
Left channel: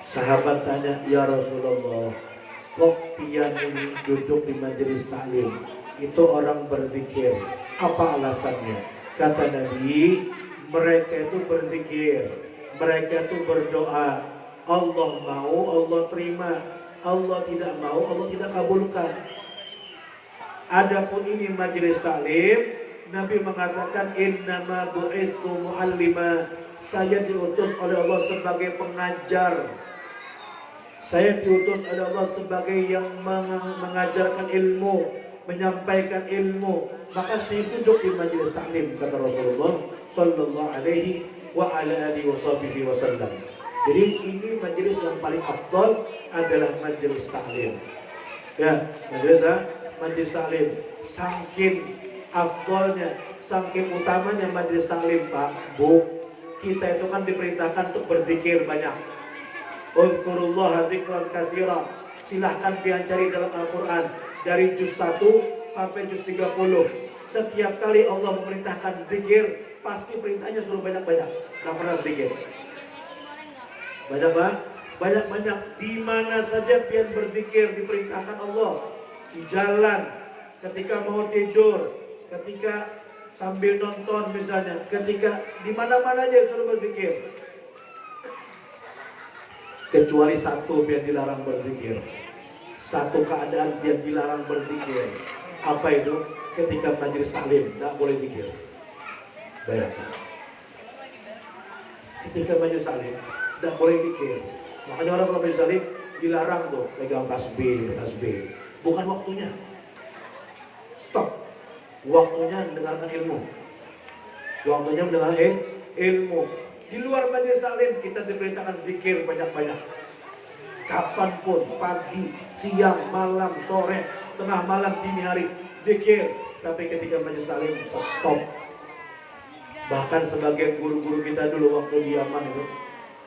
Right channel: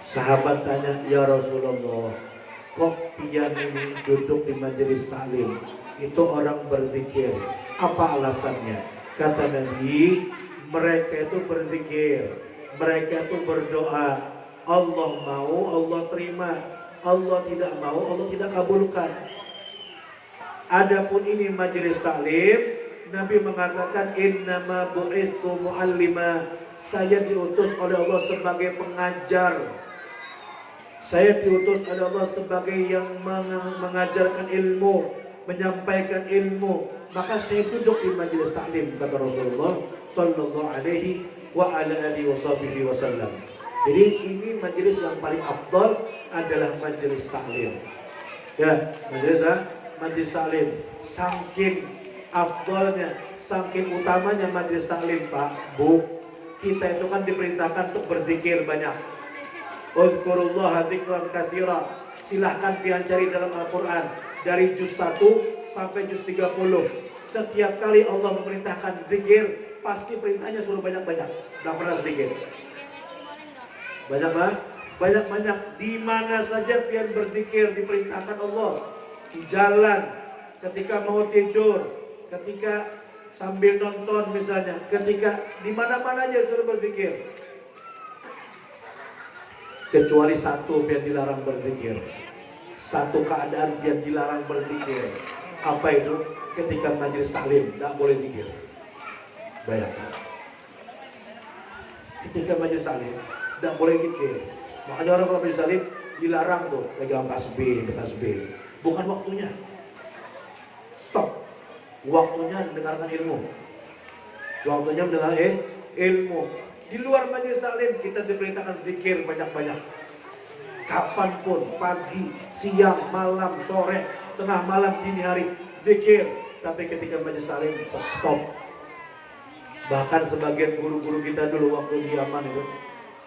Sahabat tanya, ya Rasulullah, kok pian ini duduk di majelis taklim? Itu orang berzikir. Apa alasannya? Kata Nabi, mereka itu berzikir, mereka itu berdoa. Allah mau, Allah terima. Allah tidak mau, Allah tidak kabulkan. Adapun ini majelis taklim, Nabi mengatakan innama bu'itsu mu'allima, saya diutus oleh Allah sebagai pengajar. Saya diutus oleh Allah sebagai yang mengajarkan ilmu, menyampaikan ilmu. Maka saya duduk di majelis taklim, kata Rasulullah sallallahu alaihi wa ala alihi wasallam. Jadi ini majelis yang paling afdal adalah majelis taklim. Ya, majelis taklim. Saking afdalnya, saking utamanya majelis taklim, Pak, Bu, kita itu kan diperintahkan untuk berzikir banyak. Udhkurullaha dzikran katsira. Silahkan pian cari dalam Al-Quran dari juz 1 sampai juz 30. Setiap kali Allah memerintahkan zikir, pasti perintahnya suruh banyak-banyak, gak pernah sedikit. Banyak-banyak. Di mana saja pian berzikir diperintahkan Allah. Di jalan, ketika mau tidur, ketika sambil nonton misalnya, ketika di mana-mana aja suruh berzikir. Kecuali satu biar dilarang berzikir. Satu keadaan biar dilarang berzikir. Apa itu? Ketika majelis taklim, tidak boleh zikir. Bayangkan. Ketika majelis taklim, tidak boleh zikir. Makanya orang kalau majelis taklim dilarang tuh pegang tasbih. Bukan waktunya. Stop. Waktunya mendengarkan ilmu. Waktunya mendengarkan ilmu. Di luar majelis taklim kita diperintahkan zikir banyak-banyak. Kapanpun, pagi, siang, malam, sore, tengah malam, dini hari, zikir. Tapi ketika majelis taklim stop. Bahkan sebagian guru-guru kita dulu waktu di Yaman itu,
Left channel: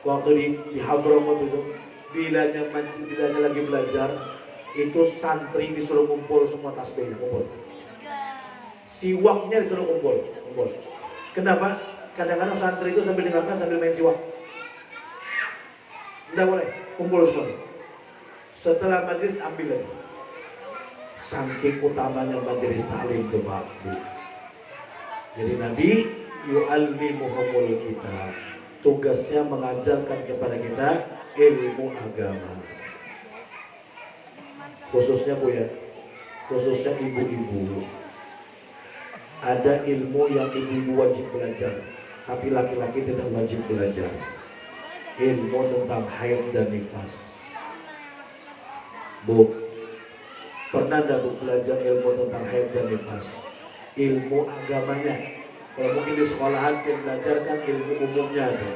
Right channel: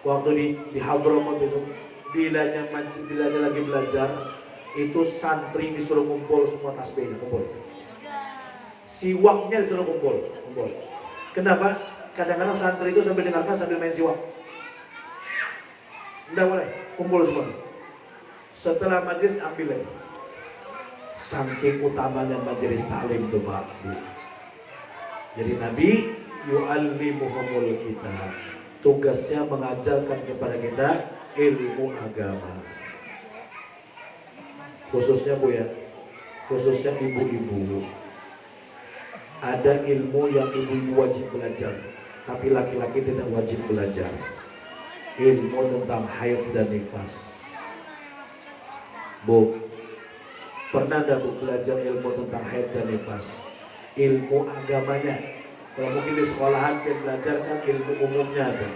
waktu di Hadramut itu, bilanya lagi belajar, itu santri disuruh kumpul semua tasbihnya, kumpul. Siwaknya disuruh kumpul. Kenapa? Kadang-kadang santri itu sambil dengarkan sambil main siwak. Tidak boleh, kumpul semua. Setelah majelis ambil lagi. Saking utamanya majelis taklim itu Pak. Jadi Nabi yu'allimuhumul kitab. Tugasnya mengajarkan kepada kita ilmu agama. Khususnya Bu ya, khususnya ibu-ibu. Ada ilmu yang ibu-ibu wajib belajar, tapi laki-laki tidak wajib belajar. Ilmu tentang haid dan nifas. Bu, pernah enggak Bu belajar ilmu tentang haid dan nifas? Ilmu agamanya. Kalau mungkin di sekolahan dia belajar kan ilmu umumnya ada.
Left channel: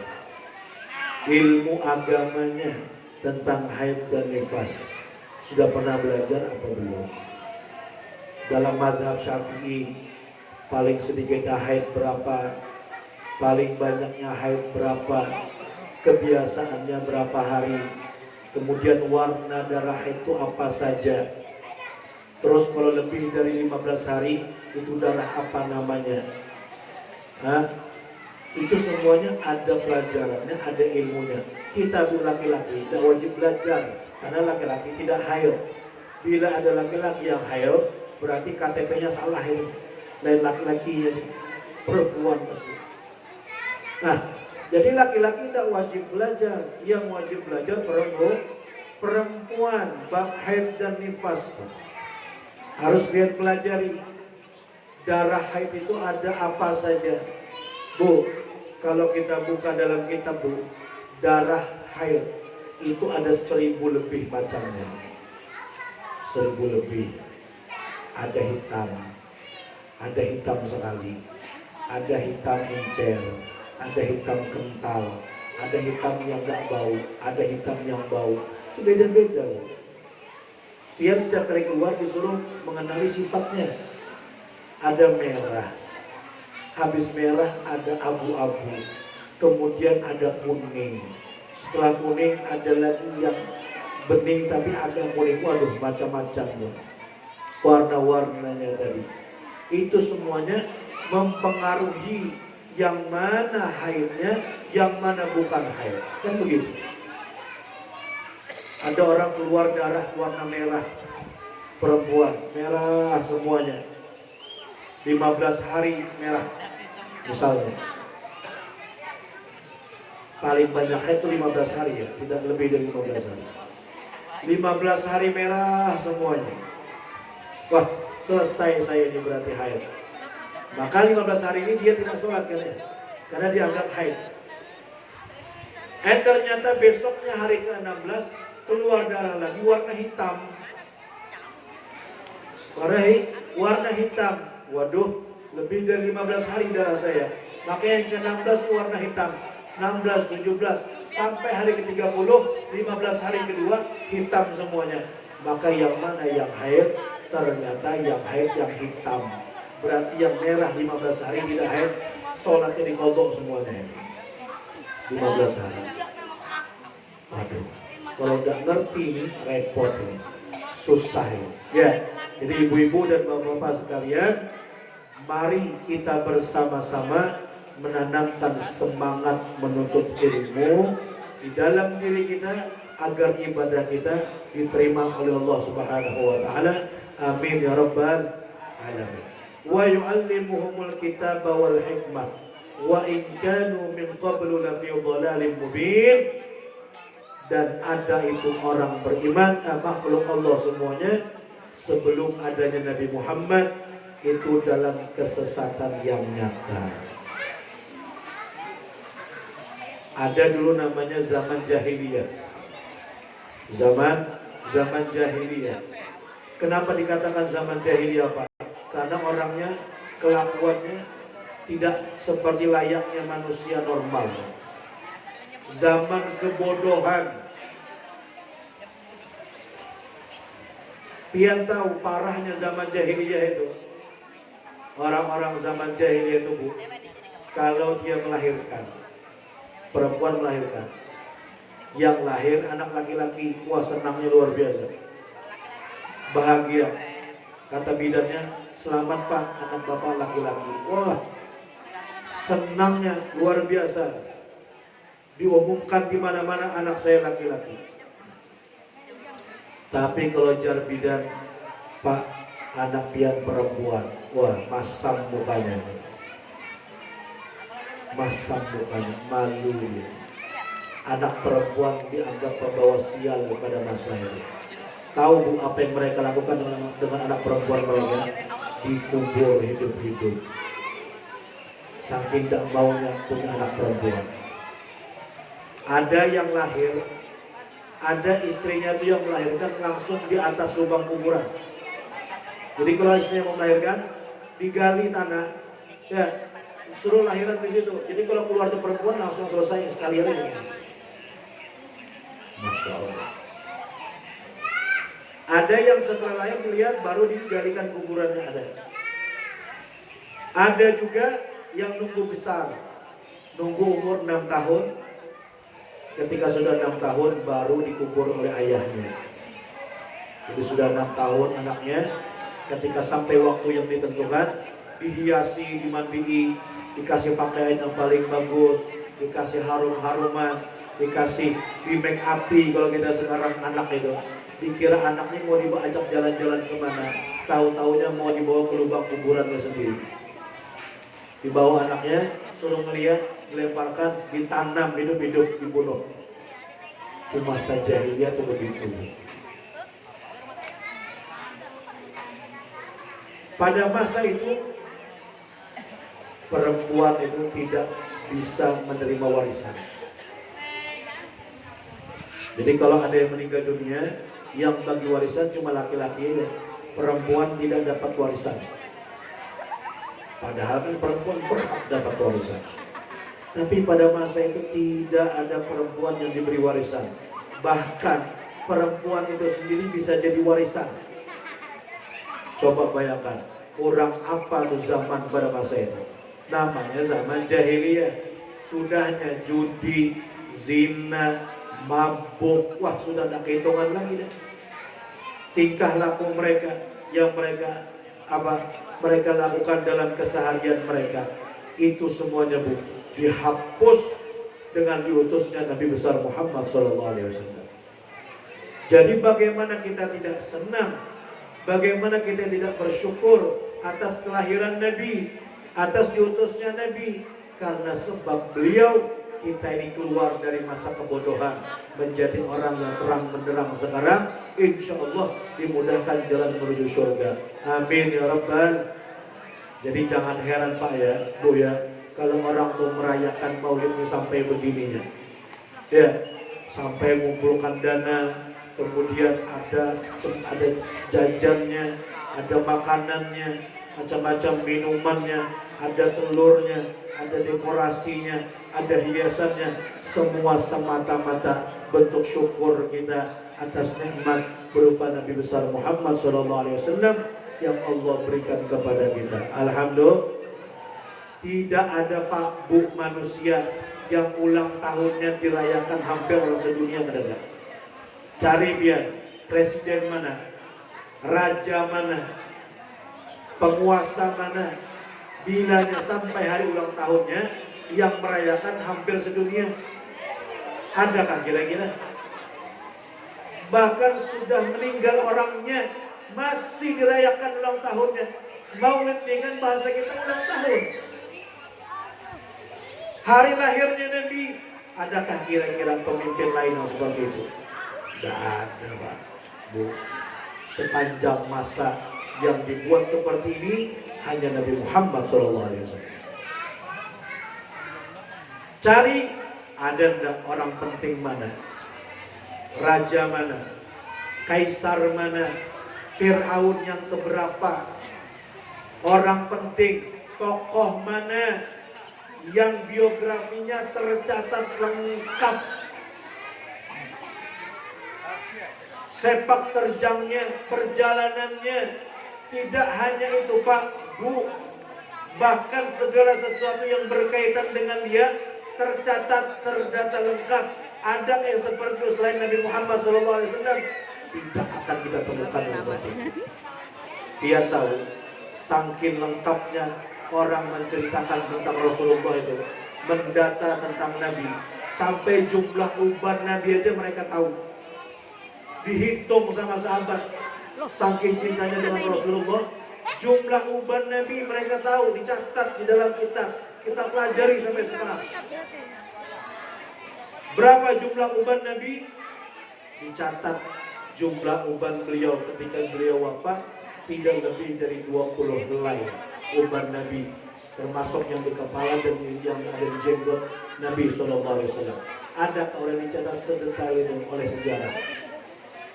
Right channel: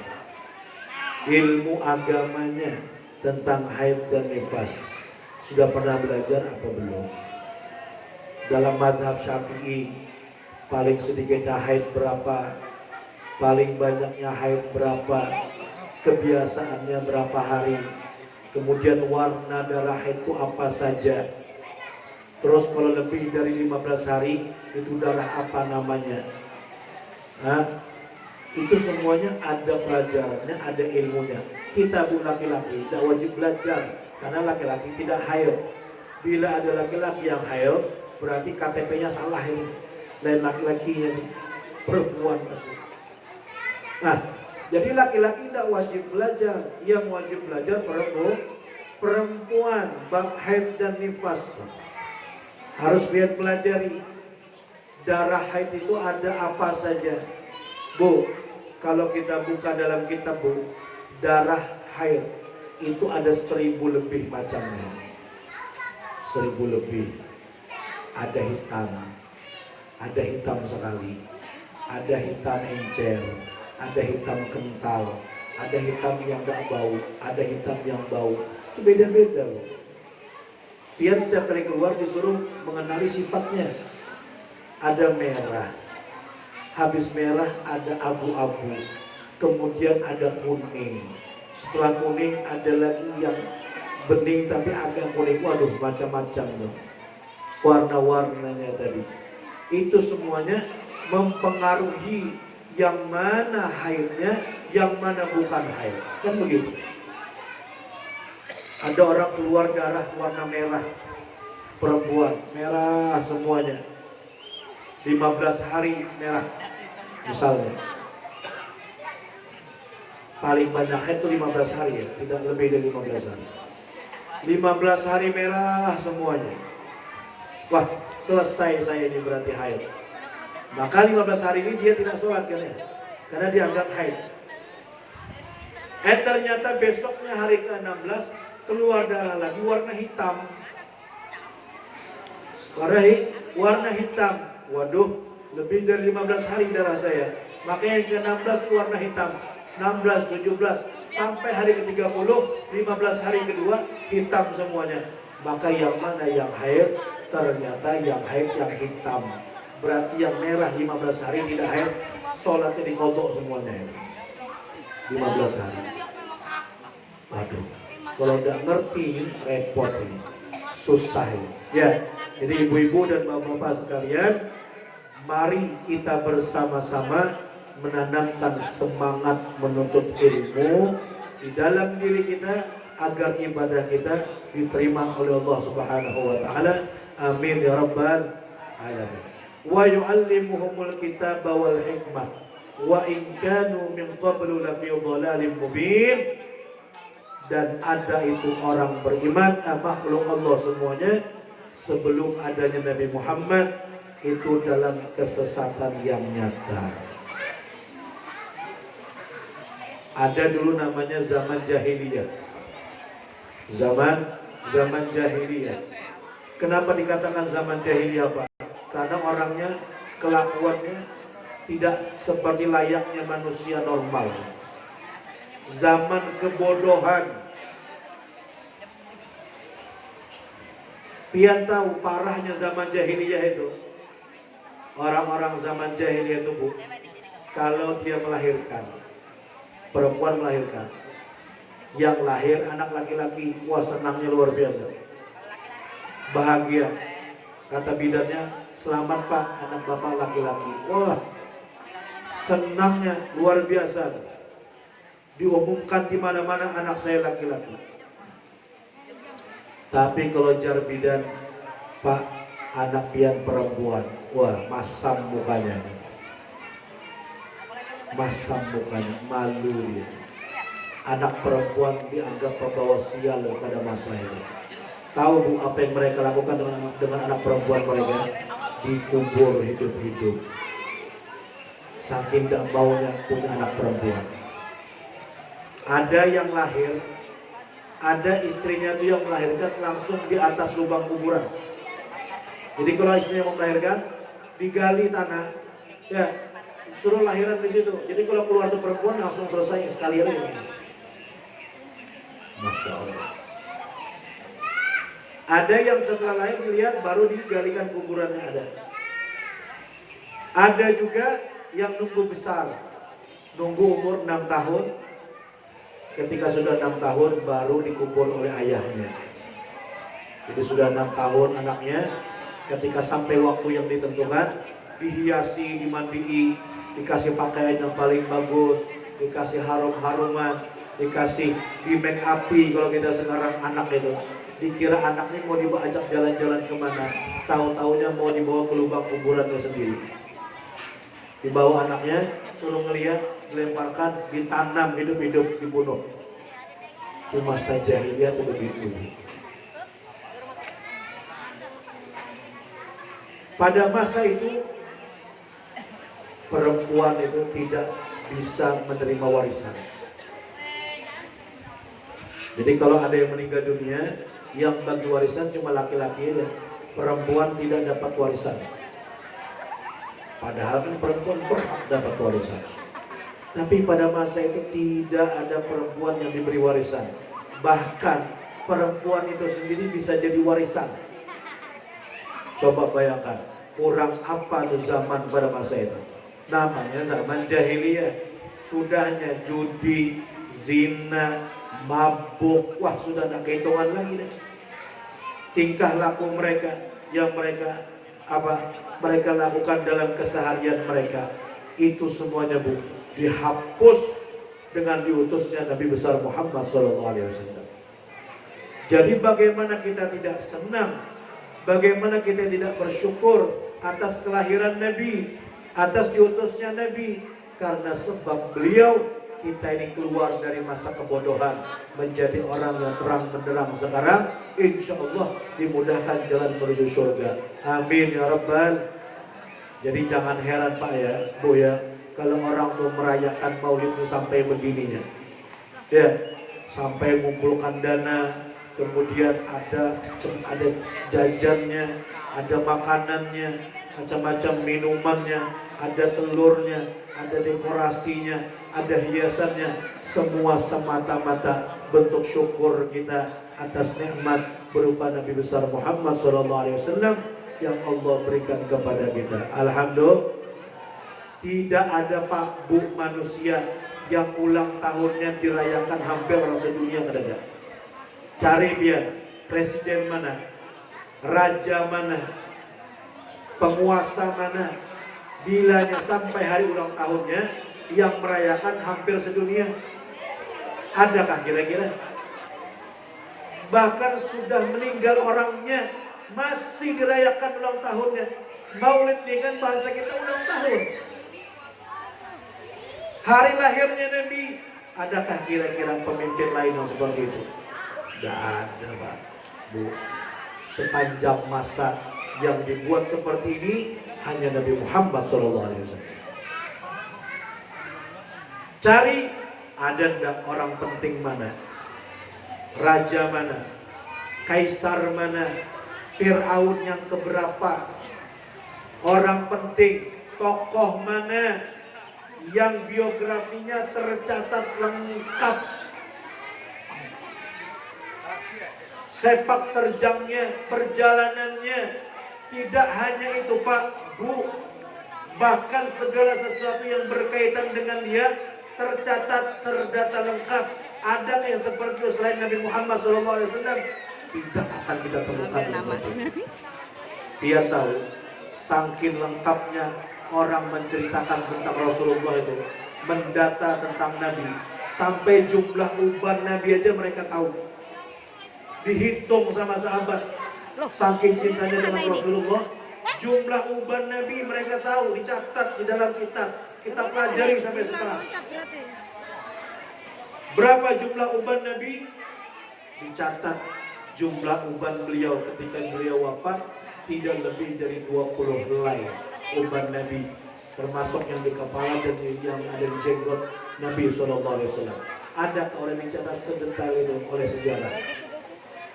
Ilmu agamanya tentang haid dan nifas. Sudah pernah belajar apa belum? Dalam mazhab Syafi'i paling sedikitnya haid berapa? Paling banyaknya haid berapa? Kebiasaannya berapa hari? Kemudian warna darah haid itu apa saja? Terus kalau lebih dari 15 hari itu darah apa namanya? Nah, itu semuanya ada pelajarannya, ada ilmunya. Kita Bu laki-laki tidak wajib belajar karena laki-laki tidak haid. Bila ada laki-laki yang haid, berarti KTP-nya salah itu. Lain laki-laki yang perempuan pasti. Nah, jadi laki-laki tidak wajib belajar. Yang wajib belajar perempuan, bab haid dan nifas. Harus lihat pelajari. Darah haid itu ada apa saja. Bu, kalau kita buka dalam kitab Bu, darah haid itu ada 1000 lebih macamnya. 1000 lebih. Ada hitam sekali, ada hitam encer, ada hitam kental, ada hitam yang gak bau, ada hitam yang bau. Itu beda-beda Bu. Biar setiap kali keluar disuruh mengenali sifatnya. Ada merah, habis merah ada abu-abu, kemudian ada kuning. Setelah kuning ada lagi yang bening tapi agak kuning. Waduh, macam-macam loh warna-warnanya tadi. Itu semuanya mempengaruhi yang mana haidnya, yang mana bukan haid. Kan begitu. Ada orang keluar darah warna merah, perempuan merah semuanya. 15 hari merah misalnya. Paling banyak haid itu 15 hari ya, tidak lebih dari 15 hari. 15 hari merah semuanya. Wah, selesai saya ini berarti haid. Maka 15 hari ini dia tidak sholat kalian, karena dianggap haid. Ternyata besoknya hari ke-16 keluar darah lagi warna hitam. Warna hitam. Waduh, lebih dari 15 hari darah saya. Makanya yang ke-16 itu warna hitam. 16, 17, sampai hari ke-30, 15 hari kedua hitam semuanya. Maka yang mana yang haid? Ternyata yang haid yang hitam. Berarti yang merah 15 hari tidak haid, sholatnya dikodok semuanya. 15 hari. Waduh, kalau tidak ngerti ini repot ini, susah ini. Ya, jadi ibu-ibu dan bapak-bapak sekalian, mari kita bersama-sama menanamkan semangat menuntut ilmu di dalam diri kita agar ibadah kita diterima oleh Allah Subhanahu wa taala. Amin ya rabbal alamin. Wa yu'allimuhumul kitaba wal hikmah wa in kanu min qablu lafi dhalalin mubin. Dan ada itu orang beriman, makhluk Allah semuanya sebelum adanya Nabi Muhammad itu dalam kesesatan yang nyata. Ada dulu namanya zaman jahiliyah. Zaman jahiliyah. Kenapa dikatakan zaman jahiliyah, Pak? Karena orangnya, kelakuannya tidak seperti layaknya manusia normal. Zaman kebodohan. Pian tahu parahnya zaman jahiliyah itu. Orang-orang zaman jahiliyah itu, Bu, kalau dia melahirkan, perempuan melahirkan, yang lahir anak laki-laki, wah senangnya luar biasa, bahagia. Kata bidannya, selamat Pak, anak bapak laki-laki. Wah, senangnya luar biasa. Diumumkan di mana-mana anak saya laki-laki. Tapi kalau jar bidan, Pak, anak pian perempuan, wah masam mukanya, malu dia. Anak perempuan dianggap pembawa sial pada masa itu. Tahu Bu apa yang mereka lakukan dengan anak perempuan mereka? Dikubur hidup-hidup. Saking tidak maunya punya anak perempuan. Ada yang lahir, ada istrinya itu yang melahirkan langsung di atas lubang kuburan. Jadi kalau istrinya mau melahirkan, digali tanah, ya suruh lahiran di situ. Jadi kalau keluar tuh perempuan langsung selesai sekalian aja. Masya Allah. Ada yang setelah lahir dilihat baru digalikan kuburannya ada. Ada juga yang nunggu besar, nunggu umur 6 tahun. Ketika sudah 6 tahun baru dikubur oleh ayahnya. Jadi sudah 6 tahun anaknya, ketika sampai waktu yang ditentukan, dihiasi, dimandiin, dikasih pakaian yang paling bagus, dikasih harum-haruman, dikasih di make upi. Kalau kita sekarang anak itu dikira anaknya mau diajak jalan-jalan kemana, tahu-taunya mau dibawa ke lubang kuburannya sendiri. Dibawa anaknya, suruh ngeliat, dilemparkan, ditanam hidup-hidup, dibunuh. Itu masa jahiliyah itu begitu. Pada masa itu perempuan itu tidak bisa menerima warisan. Jadi kalau ada yang meninggal dunia, yang bagi warisan cuma laki-laki aja. Perempuan tidak dapat warisan. Padahal kan perempuan berhak dapat warisan. Tapi pada masa itu tidak ada perempuan yang diberi warisan. Bahkan perempuan itu sendiri bisa jadi warisan. Coba bayangkan, kurang apa tuh zaman pada masa itu. Namanya zaman jahiliyah. Sudahnya judi, zina, mabuk, wah sudah tidak kehitungan lagi dah. Tingkah laku mereka yang mereka lakukan dalam keseharian mereka, itu semuanya Bu dihapus dengan diutusnya Nabi besar Muhammad SAW. Jadi bagaimana kita tidak senang, bagaimana kita tidak bersyukur atas kelahiran Nabi, atas diutusnya Nabi, karena sebab beliau kita ini keluar dari masa kebodohan menjadi orang yang terang benderang sekarang. Insya Allah dimudahkan jalan menuju surga. Amin ya Rabbal. Jadi jangan heran Pak ya, Bu ya, kalau orang tuh merayakan maulid ini sampai begininya, ya, sampai mengumpulkan dana, kemudian ada jajannya, ada makanannya, macam-macam minumannya, ada telurnya, ada dekorasinya, ada hiasannya, semua semata-mata bentuk syukur kita atas nikmat berupa Nabi besar Muhammad SAW yang Allah berikan kepada kita. Alhamdulillah. Tidak ada Pak Bu manusia yang ulang tahunnya dirayakan hampir orang sedunia, tidak ada. Cari dia, presiden mana, raja mana, penguasa mana, bilanya sampai hari ulang tahunnya yang merayakan hampir sedunia. Adakah kira-kira? Bahkan sudah meninggal orangnya masih dirayakan ulang tahunnya. Maulid dengan bahasa kita ulang tahun. Hari lahirnya Nabi, adakah kira-kira pemimpin lain yang seperti itu? Tidak ada Pak Bu. Sepanjang masa yang dibuat seperti ini hanya Nabi Muhammad SAW. Cari Ada enggak orang penting mana? Raja mana? Kaisar mana? Fir'aun yang keberapa? Orang penting, tokoh mana yang biografinya tercatat lengkap? Sepak terjangnya, perjalanannya. Tidak hanya itu Pak, Bu, bahkan segala sesuatu yang berkaitan dengan dia tercatat, terdata lengkap. Ada yang seperti itu selain Nabi Muhammad SAW? Tidak akan kita temukan seperti itu. Dia tahu, saking lengkapnya orang menceritakan tentang Rasulullah itu, mendata tentang Nabi, sampai jumlah uban Nabi aja mereka tahu. Dihitung sama sahabat, saking cintanya dengan Rasulullah, jumlah uban Nabi mereka tahu, dicatat di dalam kitab. Kita pelajari sampai sekarang. Berapa jumlah uban Nabi? Dicatat jumlah uban beliau ketika beliau wafat tidak lebih dari 20 helai uban Nabi, termasuk yang di kepala dan yang ada di jenggot Nabi SAW. Ada orang yang dicatat sedetail itu oleh sejarah?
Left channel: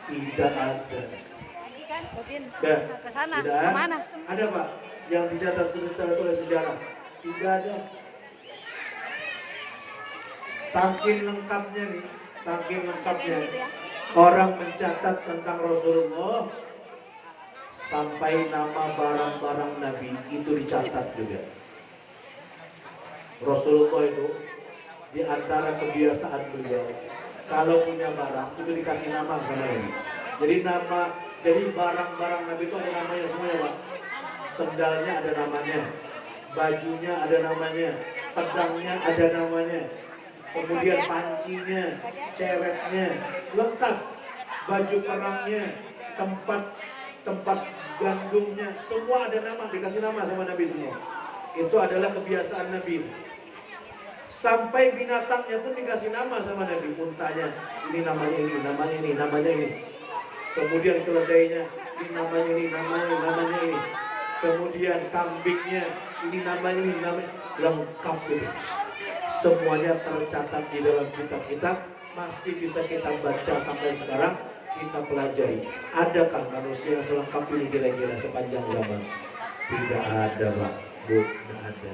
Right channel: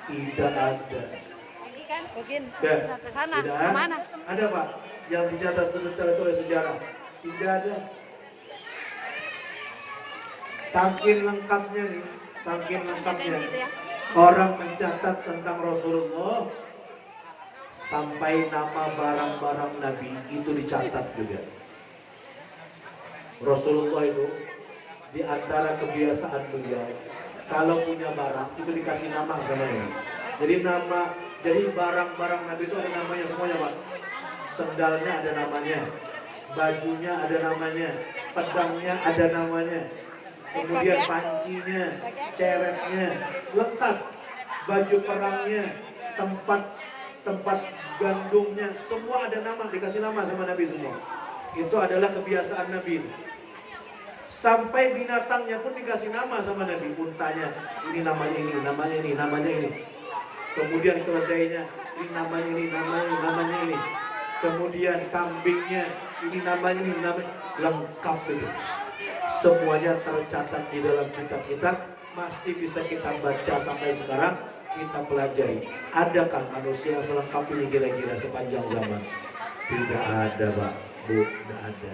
Tidak ada. Ya, tidak ada Pak yang dicatat sedetail itu oleh sejarah? Tidak ada. Saking lengkapnya nih, saking lengkapnya orang mencatat tentang Rasulullah, sampai nama barang-barang Nabi itu dicatat juga. Rasulullah itu di antara kebiasaan beliau, kalau punya barang itu dikasih nama sama ini. Jadi barang-barang Nabi itu ada namanya semuanya Pak. Sendalnya ada namanya, bajunya ada namanya, pedangnya ada namanya, kemudian pancinya, ceretnya, lengkap. Baju perangnya, tempat gandumnya, semua ada nama, dikasih nama sama Nabi semua. Itu adalah kebiasaan Nabi. Sampai binatangnya pun dikasih nama sama Nabi. Untanya, ini namanya ini, namanya ini, namanya ini. Kemudian keledainya, ini namanya ini, namanya ini. Kemudian kambingnya, ini namanya ini, namanya, lengkap itu. Semuanya tercatat di dalam kitab-kitab, masih bisa kita baca sampai sekarang, kita pelajari. Adakah manusia yang selengkap ini kira-kira sepanjang zaman? Tidak ada Pak, Bu, tidak ada.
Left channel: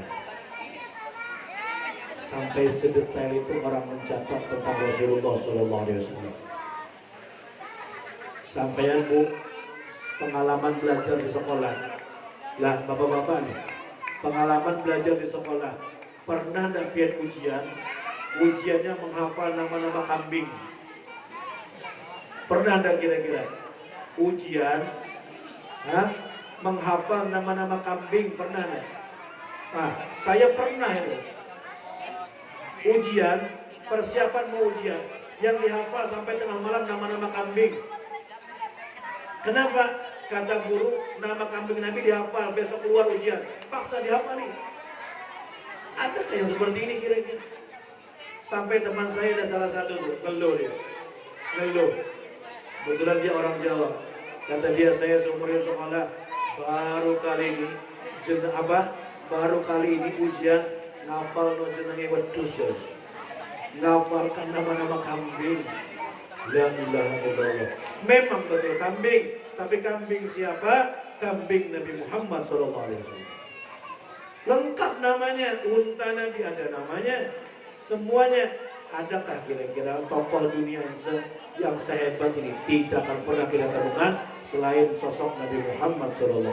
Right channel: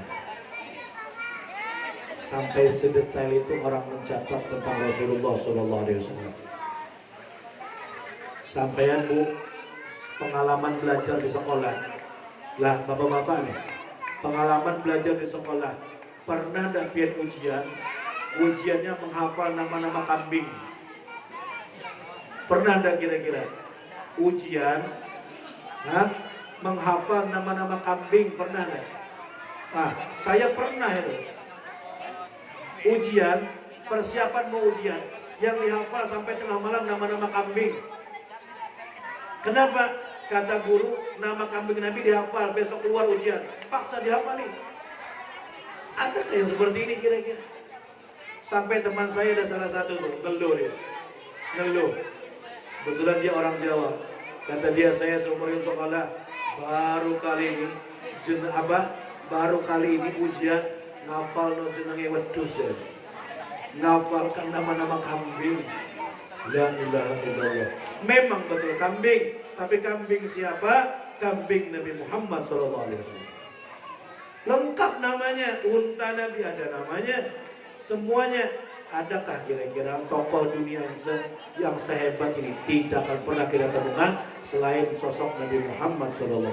Sampai sedetail itu orang mencatat tentang Rasulullah SAW. Sampaian Bu, pengalaman belajar di sekolah. Lah bapak-bapak nih, pengalaman belajar di sekolah. Pernah enggak pian ujian? Ujiannya menghafal nama-nama kambing. Pernah enggak kira-kira? Ujian menghafal nama-nama kambing, pernah enggak? Nah, saya pernah itu. Ujian, persiapan mau ujian, yang dihafal sampai tengah malam nama-nama kambing. Kenapa? Kata guru, nama kambing Nabi dihafal, besok keluar ujian. Paksa dihafal nih. Ada yang seperti ini kira-kira? Sampai teman saya ada salah satu tuh, ngeluh dia. Ngeluh. Kebetulan dia orang Jawa. Kata dia, saya seumur hidup sekolah baru kali ini baru kali ini ujian ngafal no jenenge wedhus ya. Ngafalkan nama-nama kambing. La ilaha illallah. Memang betul kambing, tapi kambing siapa? Kambing Nabi Muhammad SAW. Lengkap namanya, unta Nabi ada namanya, semuanya. Adakah kira-kira tokoh dunia yang sehebat ini? Tidak akan pernah kita temukan selain sosok Nabi Muhammad SAW.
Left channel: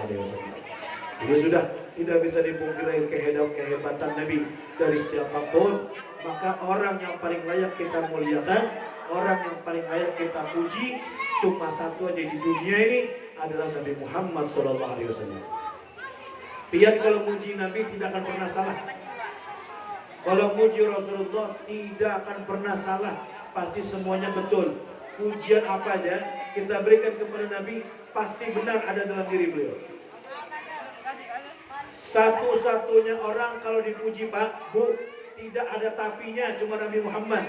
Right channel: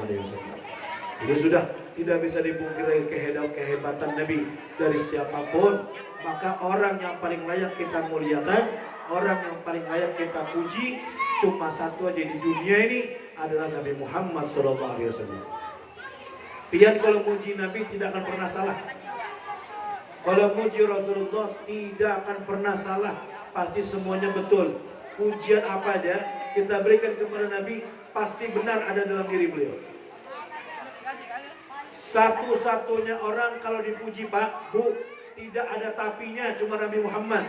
Ini sudah tidak bisa dipungkiri kehebatan Nabi dari siapapun. Maka orang yang paling layak kita muliakan, orang yang paling layak kita puji, cuma satu aja di dunia ini adalah Nabi Muhammad SAW. Pian kalau muji Nabi tidak akan pernah salah. Kalau muji Rasulullah tidak akan pernah salah. Pasti semuanya betul. Pujian apa aja kita berikan kepada Nabi pasti benar ada dalam diri beliau. Satu-satunya orang kalau dipuji Pak, Bu, tidak ada tapinya, cuma Nabi Muhammad.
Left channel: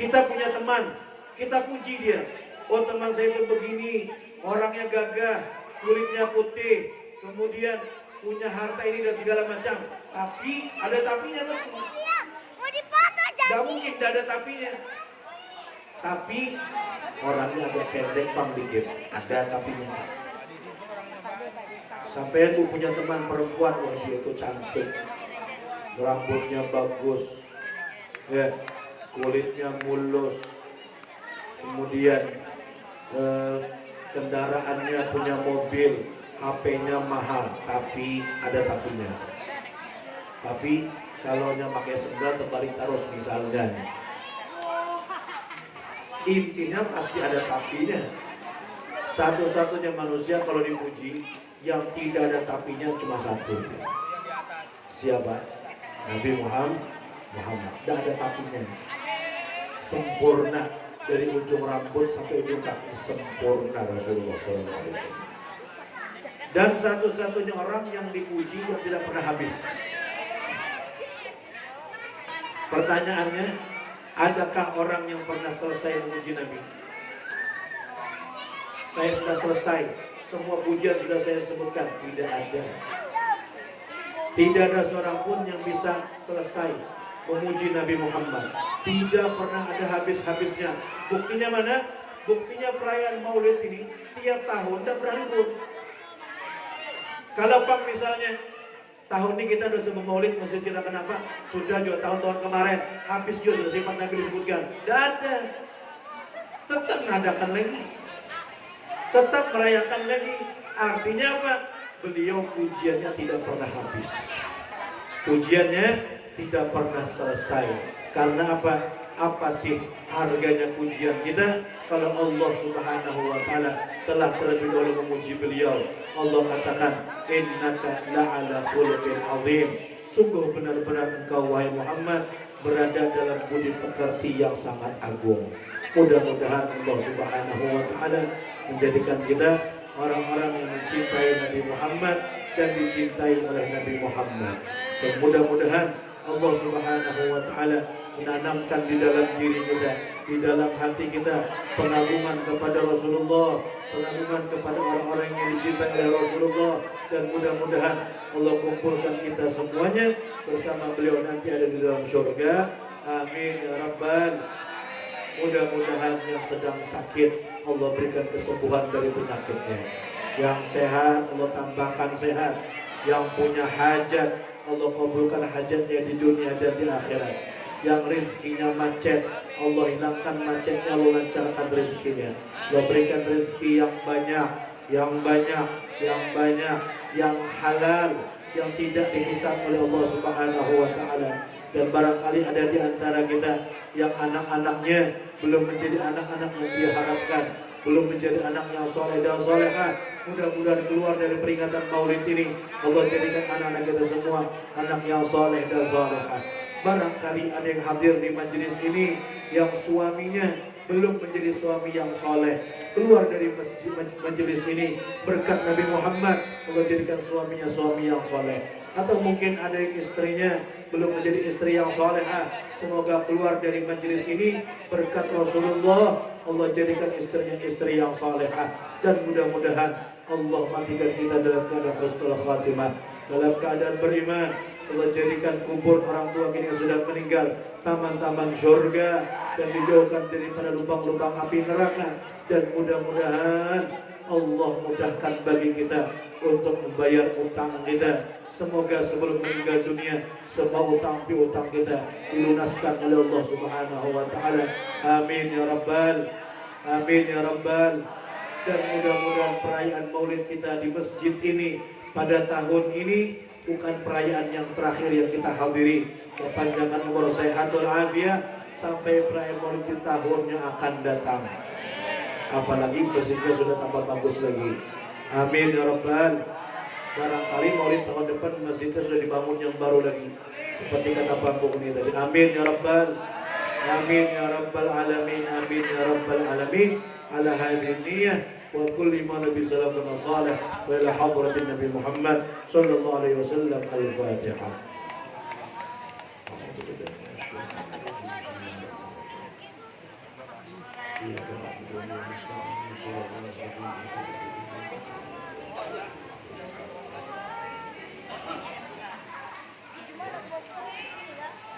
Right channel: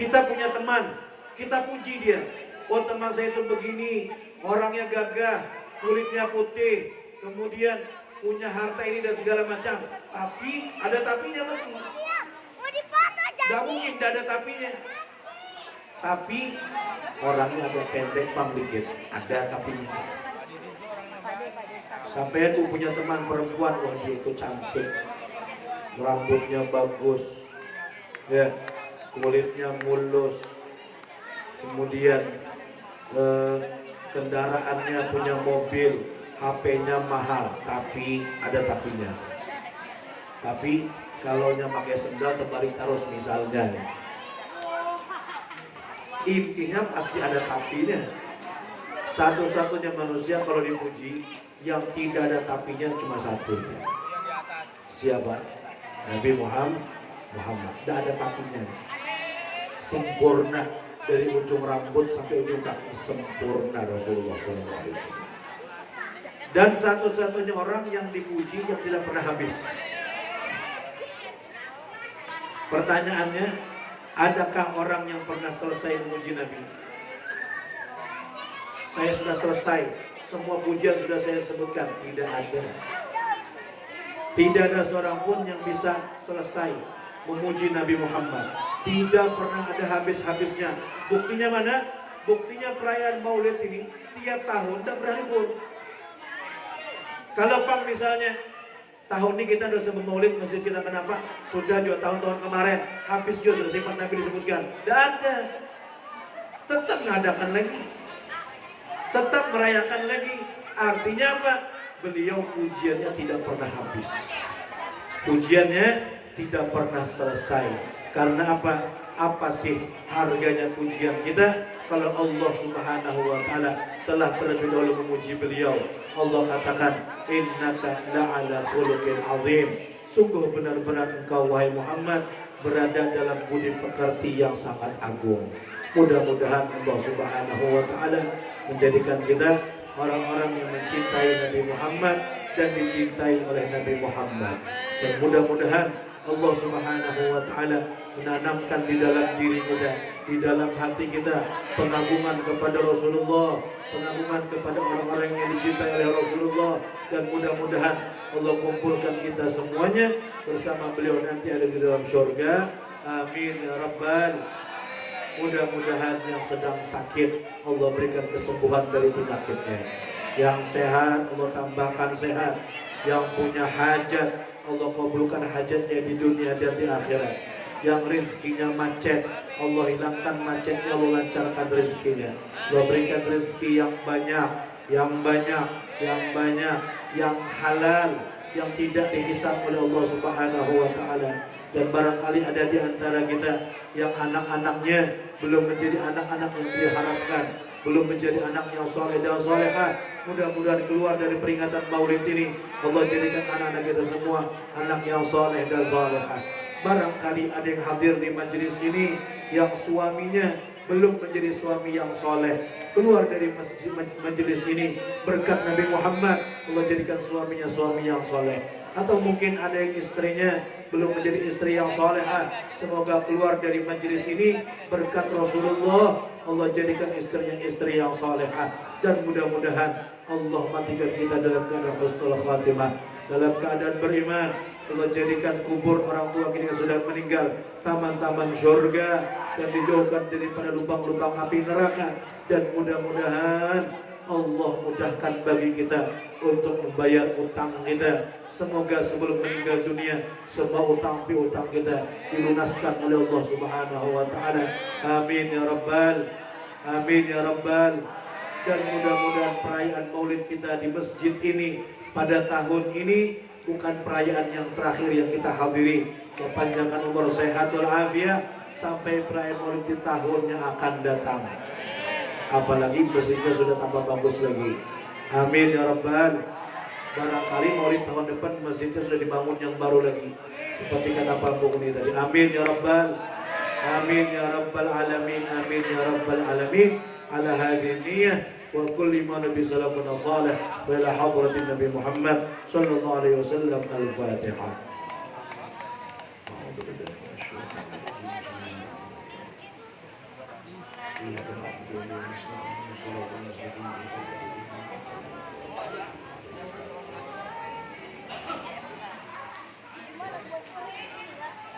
Kita punya teman, kita puji dia. Oh teman saya itu begini, orangnya gagah, kulitnya putih, kemudian punya harta ini dan segala macam. Tapi ada tapinya loh. Tidak mungkin, tidak ada tapinya. Tapi orangnya agak pendek, pang dikit, ada tapinya. Sampai aku punya teman perempuan, wah dia itu cantik, rambutnya bagus, ya, kulitnya mulus, kemudian kendaraannya punya mobil, HP-nya mahal, tapi ada tapinya. Tapi kalau nya pakai sendal terbalik terus misalnya, intinya pasti ada tapinya. Satu-satunya manusia kalau dipuji yang tidak ada tapinya cuma satu. Siapa? Nabi Muhammad. Tidak ada tapinya. Sempurna dari ujung rambut sampai ujung kaki, sempurna Rasulullah SAW. Dan satu-satunya orang yang dipuji yang tidak pernah habis. Pertanyaannya, adakah orang yang pernah selesai memuji Nabi? Saya sudah selesai, semua pujian sudah saya sebutkan. Tidak ada. Tidak ada seorang pun yang bisa selesai memuji Nabi Muhammad. Tidak pernah ada habis-habisnya. Buktinya mana? Buktinya perayaan Maulid ini tiap tahun tidak pernah libur. Kalau Bang misalnya tahun ini kita sudah sebut Maulid, masjid kita kenapa? Sudah juga tahun-tahun kemarin habis juga sudah sifat Nabi disebutkan. Tidak ada. Tetap mengadakan lagi, tetap merayakan lagi. Artinya apa? Beliau pujiannya tidak pernah habis. Pujiannya tidak pernah selesai. Karena apa? Apa sih harganya pujian kita kalau Allah Subhanahu wa taala telah terlebih dahulu memuji beliau? Allah katakan, innaka la'ala khuluqin azim. Sungguh benar-benar engkau wahai Muhammad berada dalam budi pekerti yang sangat agung. Mudah-mudahan Allah Subhanahu wa taala menjadikan kita orang-orang yang mencintai Nabi Muhammad dan dicintai oleh Nabi Muhammad. Dan mudah-mudahan Allah Subhanahu wa taala menanamkan di dalam diri kita, di dalam hati kita pengagungan kepada Rasulullah, pengagungan kepada orang-orang yang dicintai oleh Rasulullah. Dan mudah-mudahan Allah kumpulkan kita semuanya bersama beliau nanti ada di dalam surga. Amin ya rabbal. Mudah-mudahan yang sedang sakit Allah berikan kesembuhan dari penyakitnya. Yang sehat Allah tambahkan sehat. Yang punya hajat Allah kabulkan hajatnya di dunia dan di akhirat. Yang rezekinya macet Allah hilangkan macetnya, Allah lancarkan rezekinya. Allah berikan rezeki yang banyak, yang banyak, yang banyak, yang halal, yang tidak dihisab oleh Allah Subhanahu wa taala. Dan barangkali ada di antara kita yang anak-anaknya belum menjadi anak-anak yang diharapkan, belum menjadi anak yang soleh dan solehah. Mudah-mudahan keluar dari peringatan Maulid ini Allah jadikan anak-anak kita semua anak yang soleh dan solehah. Barangkali ada yang hadir di majelis ini yang suaminya belum menjadi suami yang soleh, keluar dari masjid majelis ini berkat Nabi Muhammad Allah jadikan suaminya suami yang soleh. Atau mungkin ada yang istrinya belum menjadi istri yang solehah, semoga keluar dari majelis ini berkat Rasulullah Allah jadikan istrinya istri yang solehah. Dan mudah-mudahan Allah matikan kita dalam keadaan husnul khatimah, dalam keadaan beriman. Allah jadikan kubur orang tua kita yang sudah meninggal taman-taman surga dan dijauhkan daripada lubang-lubang api neraka. Dan mudah-mudahan Allah mudahkan bagi kita untuk membayar utang kita. Semoga sebelum meninggal dunia semua utang piutang kita dilunaskan oleh Allah Subhanahu wa taala. Amin ya rabbal. Amin ya rabbal. Dan mudah-mudahan perayaan Maulid kita di masjid ini pada tahun ini bukan perayaan yang terakhir yang kita hadiri. Perpanjangan umur sehat walafiat sampai perayaan Maulid di tahun yang akan datang. Apalagi masjidnya sudah tambah bagus lagi. Amin ya rabbal. Barangkali Maulid tahun depan masjidnya sudah dibangun yang baru lagi, seperti kata Pak ini tadi. Amin ya rabbal. Amin ya rabbal alamin. Amin ya rabbal alamin. Ala hadhihi niyyah wa kulli ma nabi sallallahu alaihi wasallam wa ila hadratin Nabi Muhammad sallallahu alaihi wasallam. Al-Fatihah.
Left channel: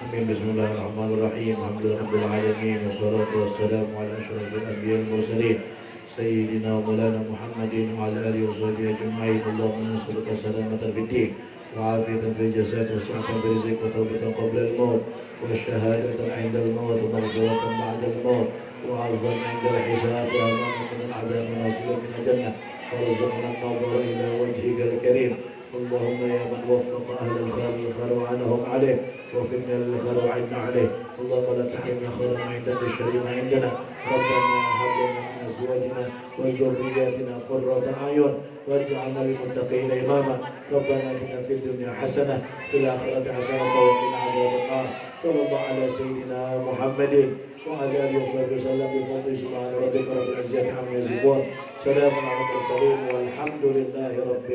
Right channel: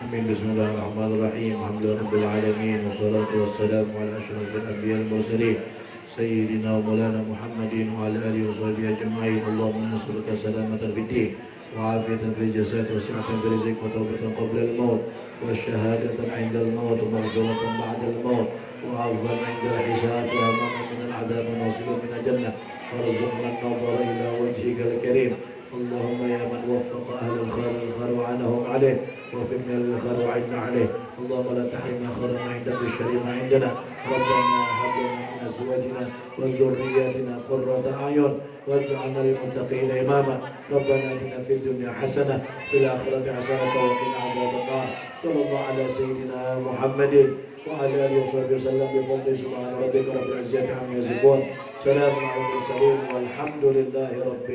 Amin. Bismillahirrahmanirrahim. Alhamdulillahirabbil alamin wassalatu wassalamu ala asyrafil anbiya'il mursalin sayyidina wa maulana Muhammadin wa ala alihi wa sahbihi ajma'in. Allahumma nas'aluka salamatan fid din wa afiyatan fil jasad wa si'atan fil rizq wa tawbatan qabla al-maut wa syahadatan 'inda al-maut wa maghfiratan ba'da al-maut wa 'afwan 'inda al-hisab wa amanan min al-'adab wa nasiban min al-jannah wa rizqan an-nadhara ila wajhika al-karim. اللهم يا من وفق أهل الخير الخير وعنهم عليه وفقنا للخير وعنا عليه. اللهم لا تحرمنا خير ما عندك الشر ما عندنا. ربنا هب لنا من أزواجنا وذرياتنا قرة أعين واجعلنا للمتقين إماما. ربنا آتنا في الدنيا حسنة في الآخرة حسنة وقنا عذاب النار. صلى الله على سيدنا محمد وعلى آله وصحبه وسلم بفضل سبحان ربك رب العزة عما يصفون. سلام على المرسلين والحمد لله رب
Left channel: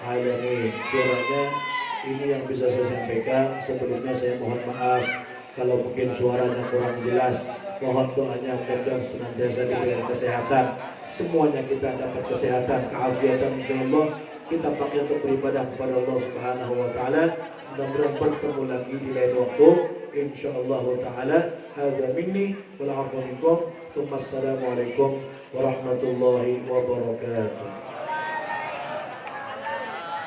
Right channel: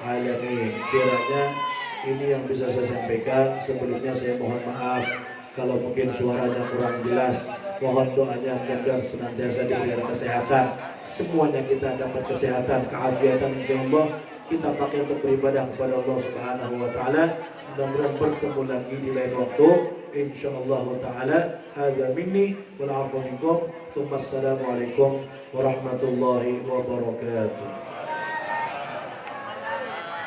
alamin. Kiranya ini yang bisa saya sampaikan. Sebelumnya saya mohon maaf kalau mungkin suaranya kurang jelas. Mohon doanya mudah senantiasa diberikan kesehatan. Semuanya kita dapat kesehatan, keafiatan insyaallah. Kita pakai untuk beribadah kepada Allah Subhanahu wa taala. Mudah-mudahan bertemu lagi di lain waktu insyaallah taala. Hadza minni wal 'afwu minkum. Assalamualaikum warahmatullahi wabarakatuh.